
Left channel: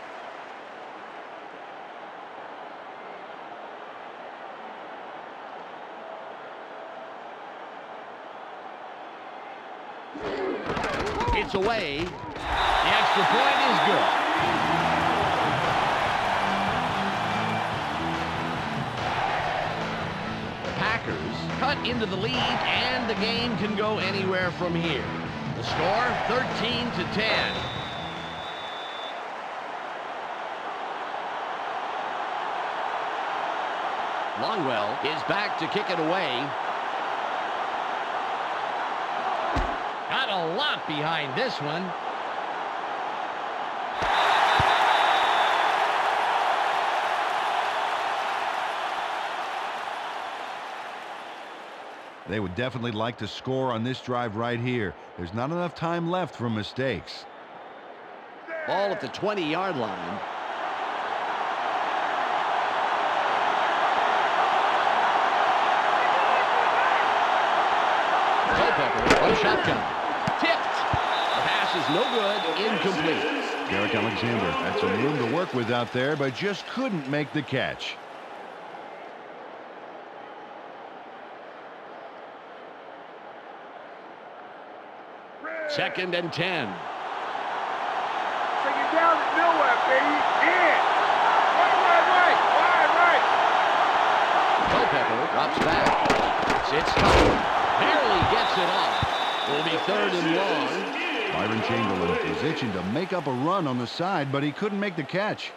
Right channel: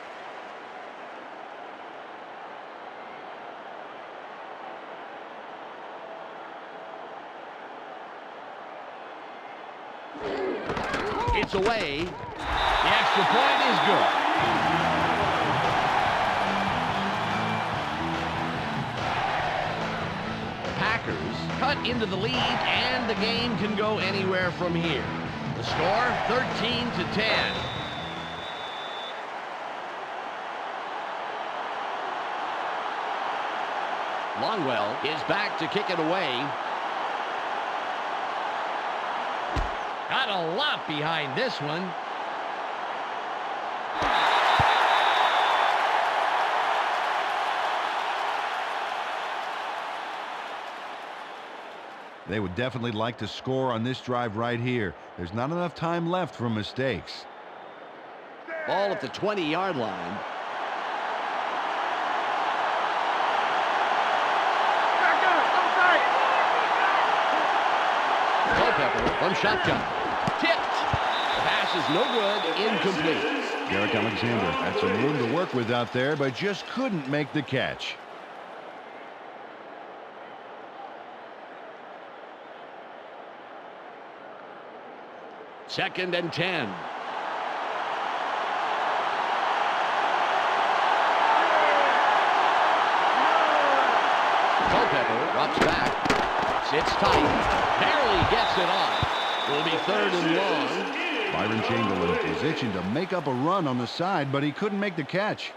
It's away. The extra point is good. The Packers cut into the lead, and the game can go anywhere from here. The score, 13-10. Longwell is back to kick it away. Got a lot behind this one. They would definitely like to score on this drive right here. There's not enough time left for mistakes. Ball at the 20-yard line. Culpepper from shotgun. Tipped. The pass is no good. Incomplete. Derek Alexander had some room to work with out there, but just couldn't make the catch. Second and 10. Take it down to nowhere, baby. Yeah. Right. Culpepper drops back. Sits tight. Barely gets it off. It will be third and long. Byron Chamberlain was itching to make up a run on the side, but he couldn't make the catch.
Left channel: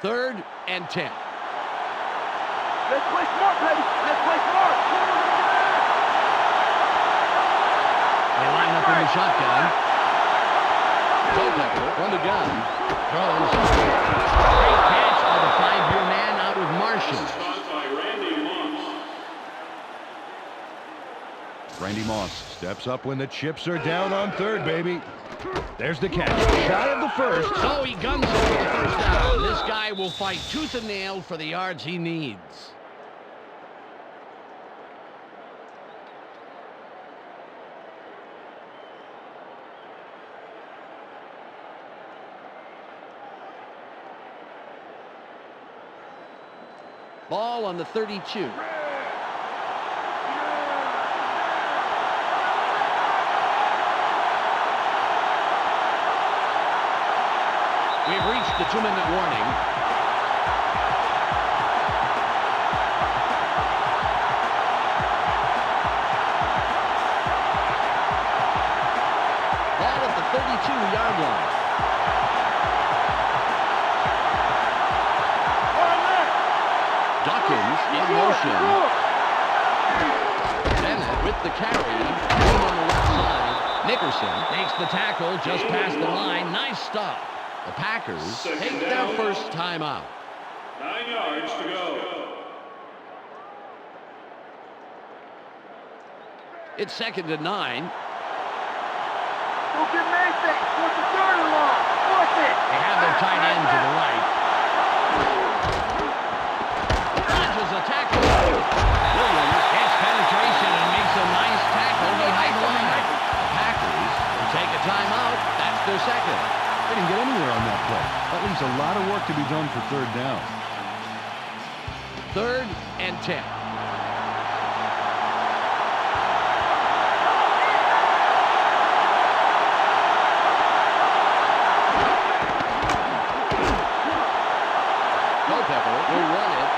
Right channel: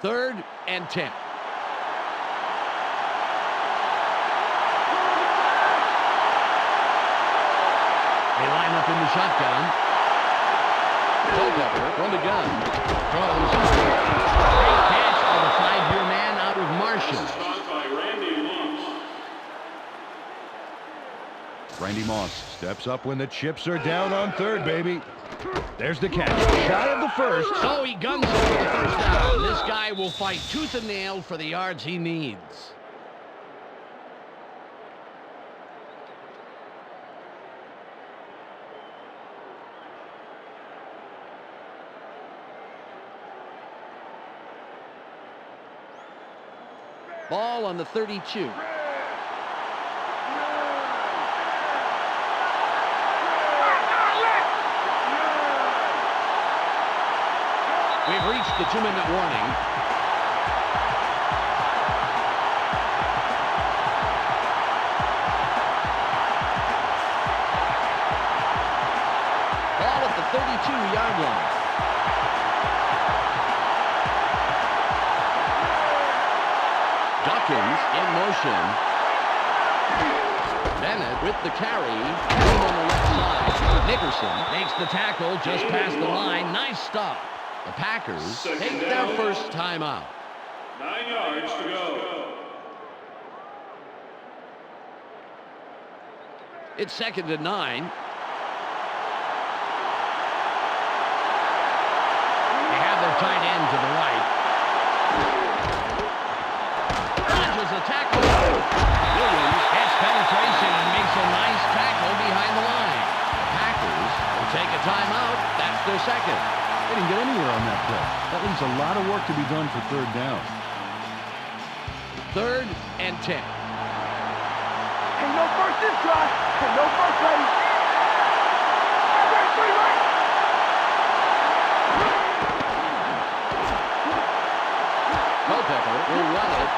Third and 10. Let's play smart, baby. Let's play smart. They line up in the shotgun. Culpepper from the gun. Throws. Great catch for the 5-year man out of Martian. Caught by Randy Moss. Randy Moss steps up when the chips are down on third, baby. There's the catch. Shy of the first. So he guns it for the first down. This guy will fight tooth and nail for the yards he needs. Ball on the 32. We've reached the 2-minute warning. Ball at the 32-yard line. Dawkins in motion. Bennett with the carry. Team on the left side. Nickerson makes the tackle just past the line. Nice stop. The Packers take their first timeout. 9 yards to go. It's 2nd and 9. They have their tight end to the right. Dodges a tackle. Williams gets penetration and makes a nice tackle behind the line. The Packers will take a timeout. That's their second. They didn't get anywhere on that play. That leaves a lot of work to be done for third down. 3rd and 10. Culpepper will run it.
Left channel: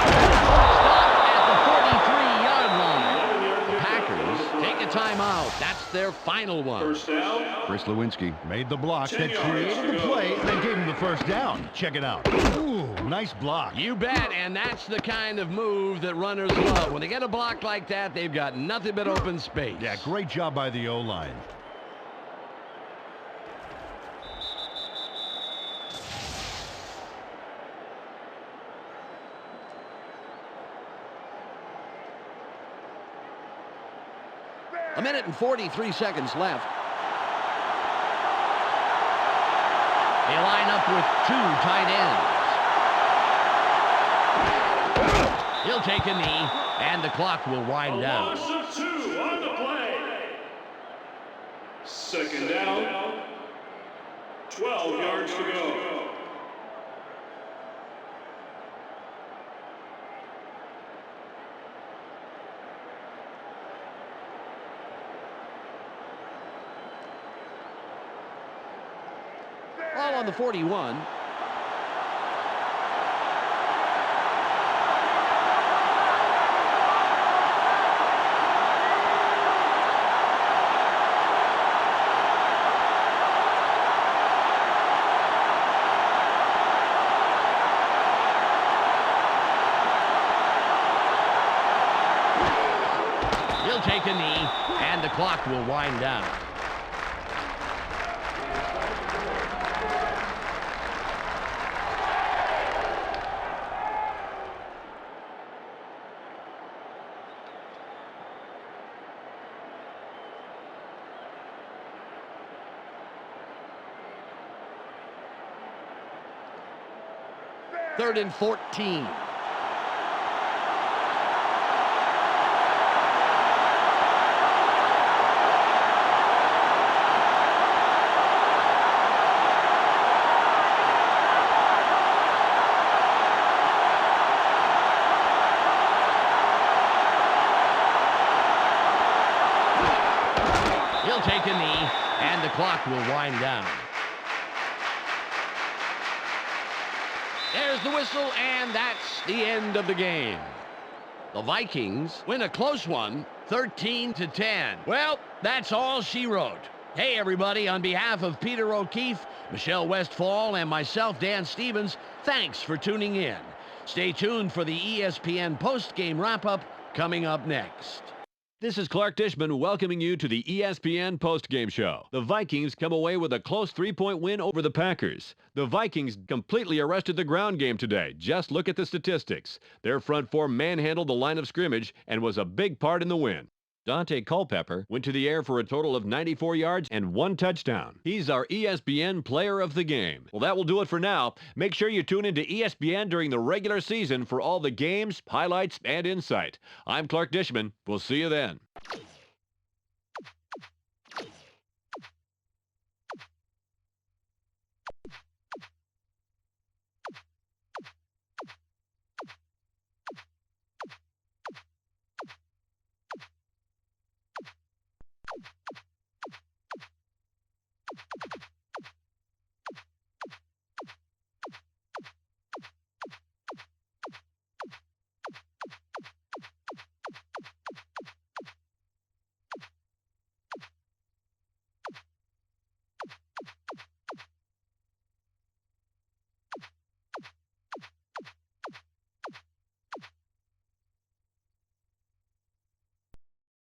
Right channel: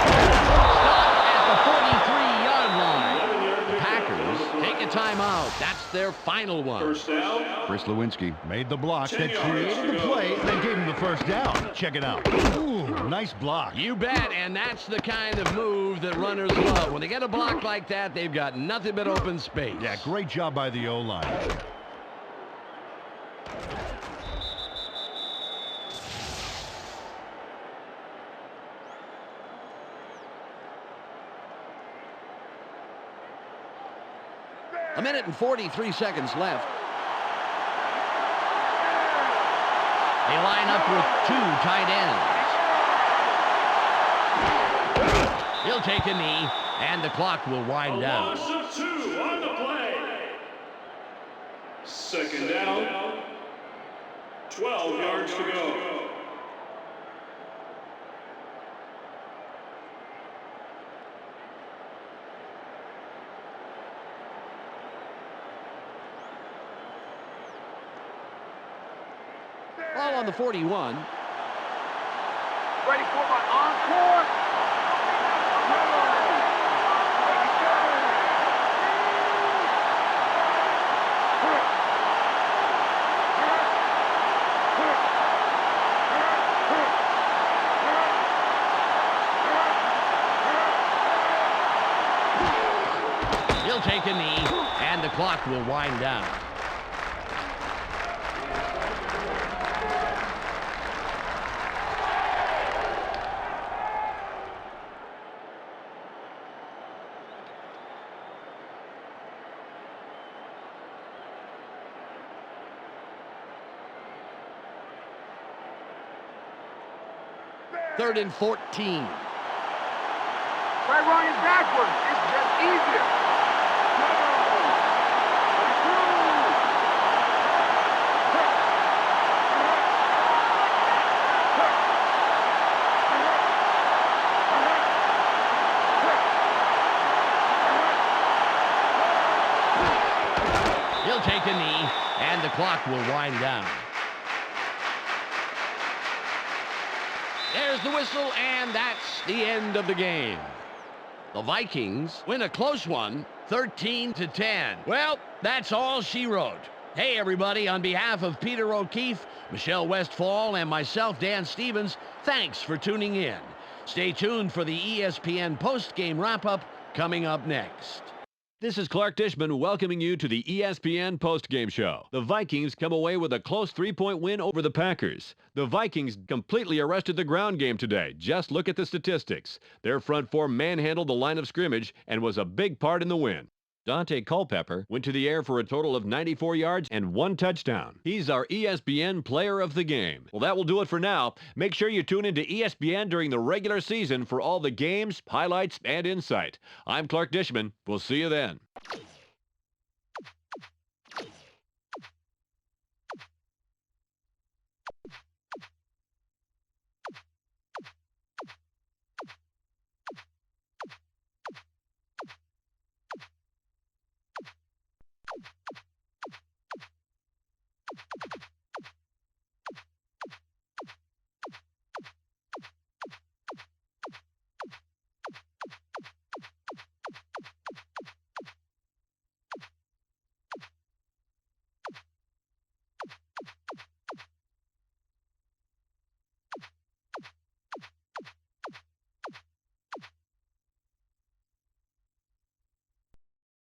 Stop at the 43-yard line. The Packers take a timeout. That's their final one. First down. Chris Lewinsky made the block 10 that yards created to the go. play and then gave him the first down. Check it out. Ooh, nice block. You bet, and that's the kind of move that runners love. When they get a block like that, they've got nothing but open space. Yeah, great job by the O-line. A minute and 43 seconds left. They line up with 2 tight ends. He'll take a knee, and the clock will wind A down. loss of 2 on the play. 2nd down. 12 yards to go. Ball on the 41. Ready for my encore? Okay, now one more time. He'll take a knee, and the clock will wind down. Third and 14. Try running backwards. That's easier. He'll take a knee, and the clock will wind down. There's the whistle, and that's the end of the game. The Vikings win a close one, 13-10. Well, that's all she wrote. Hey, everybody, on behalf of Peter O'Keefe, Michelle Westfall, and myself, Dan Stevens, thanks for tuning in. Stay tuned for the ESPN post-game wrap-up coming up next. This is Clark Dishman welcoming you to the ESPN postgame show. The Vikings come away with a close 3-point win over the Packers. The Vikings completely arrested the ground game today. Just look at the statistics. Their front four manhandled the line of scrimmage and was a big part in the win. Dante Culpepper went to the air for a total of 94 yards and 1 touchdown. He's our ESPN player of the game. Well, that will do it for now. Make sure you tune into ESPN during the regular season for all the games, highlights, and insight. I'm Clark Dishman. We'll see you then.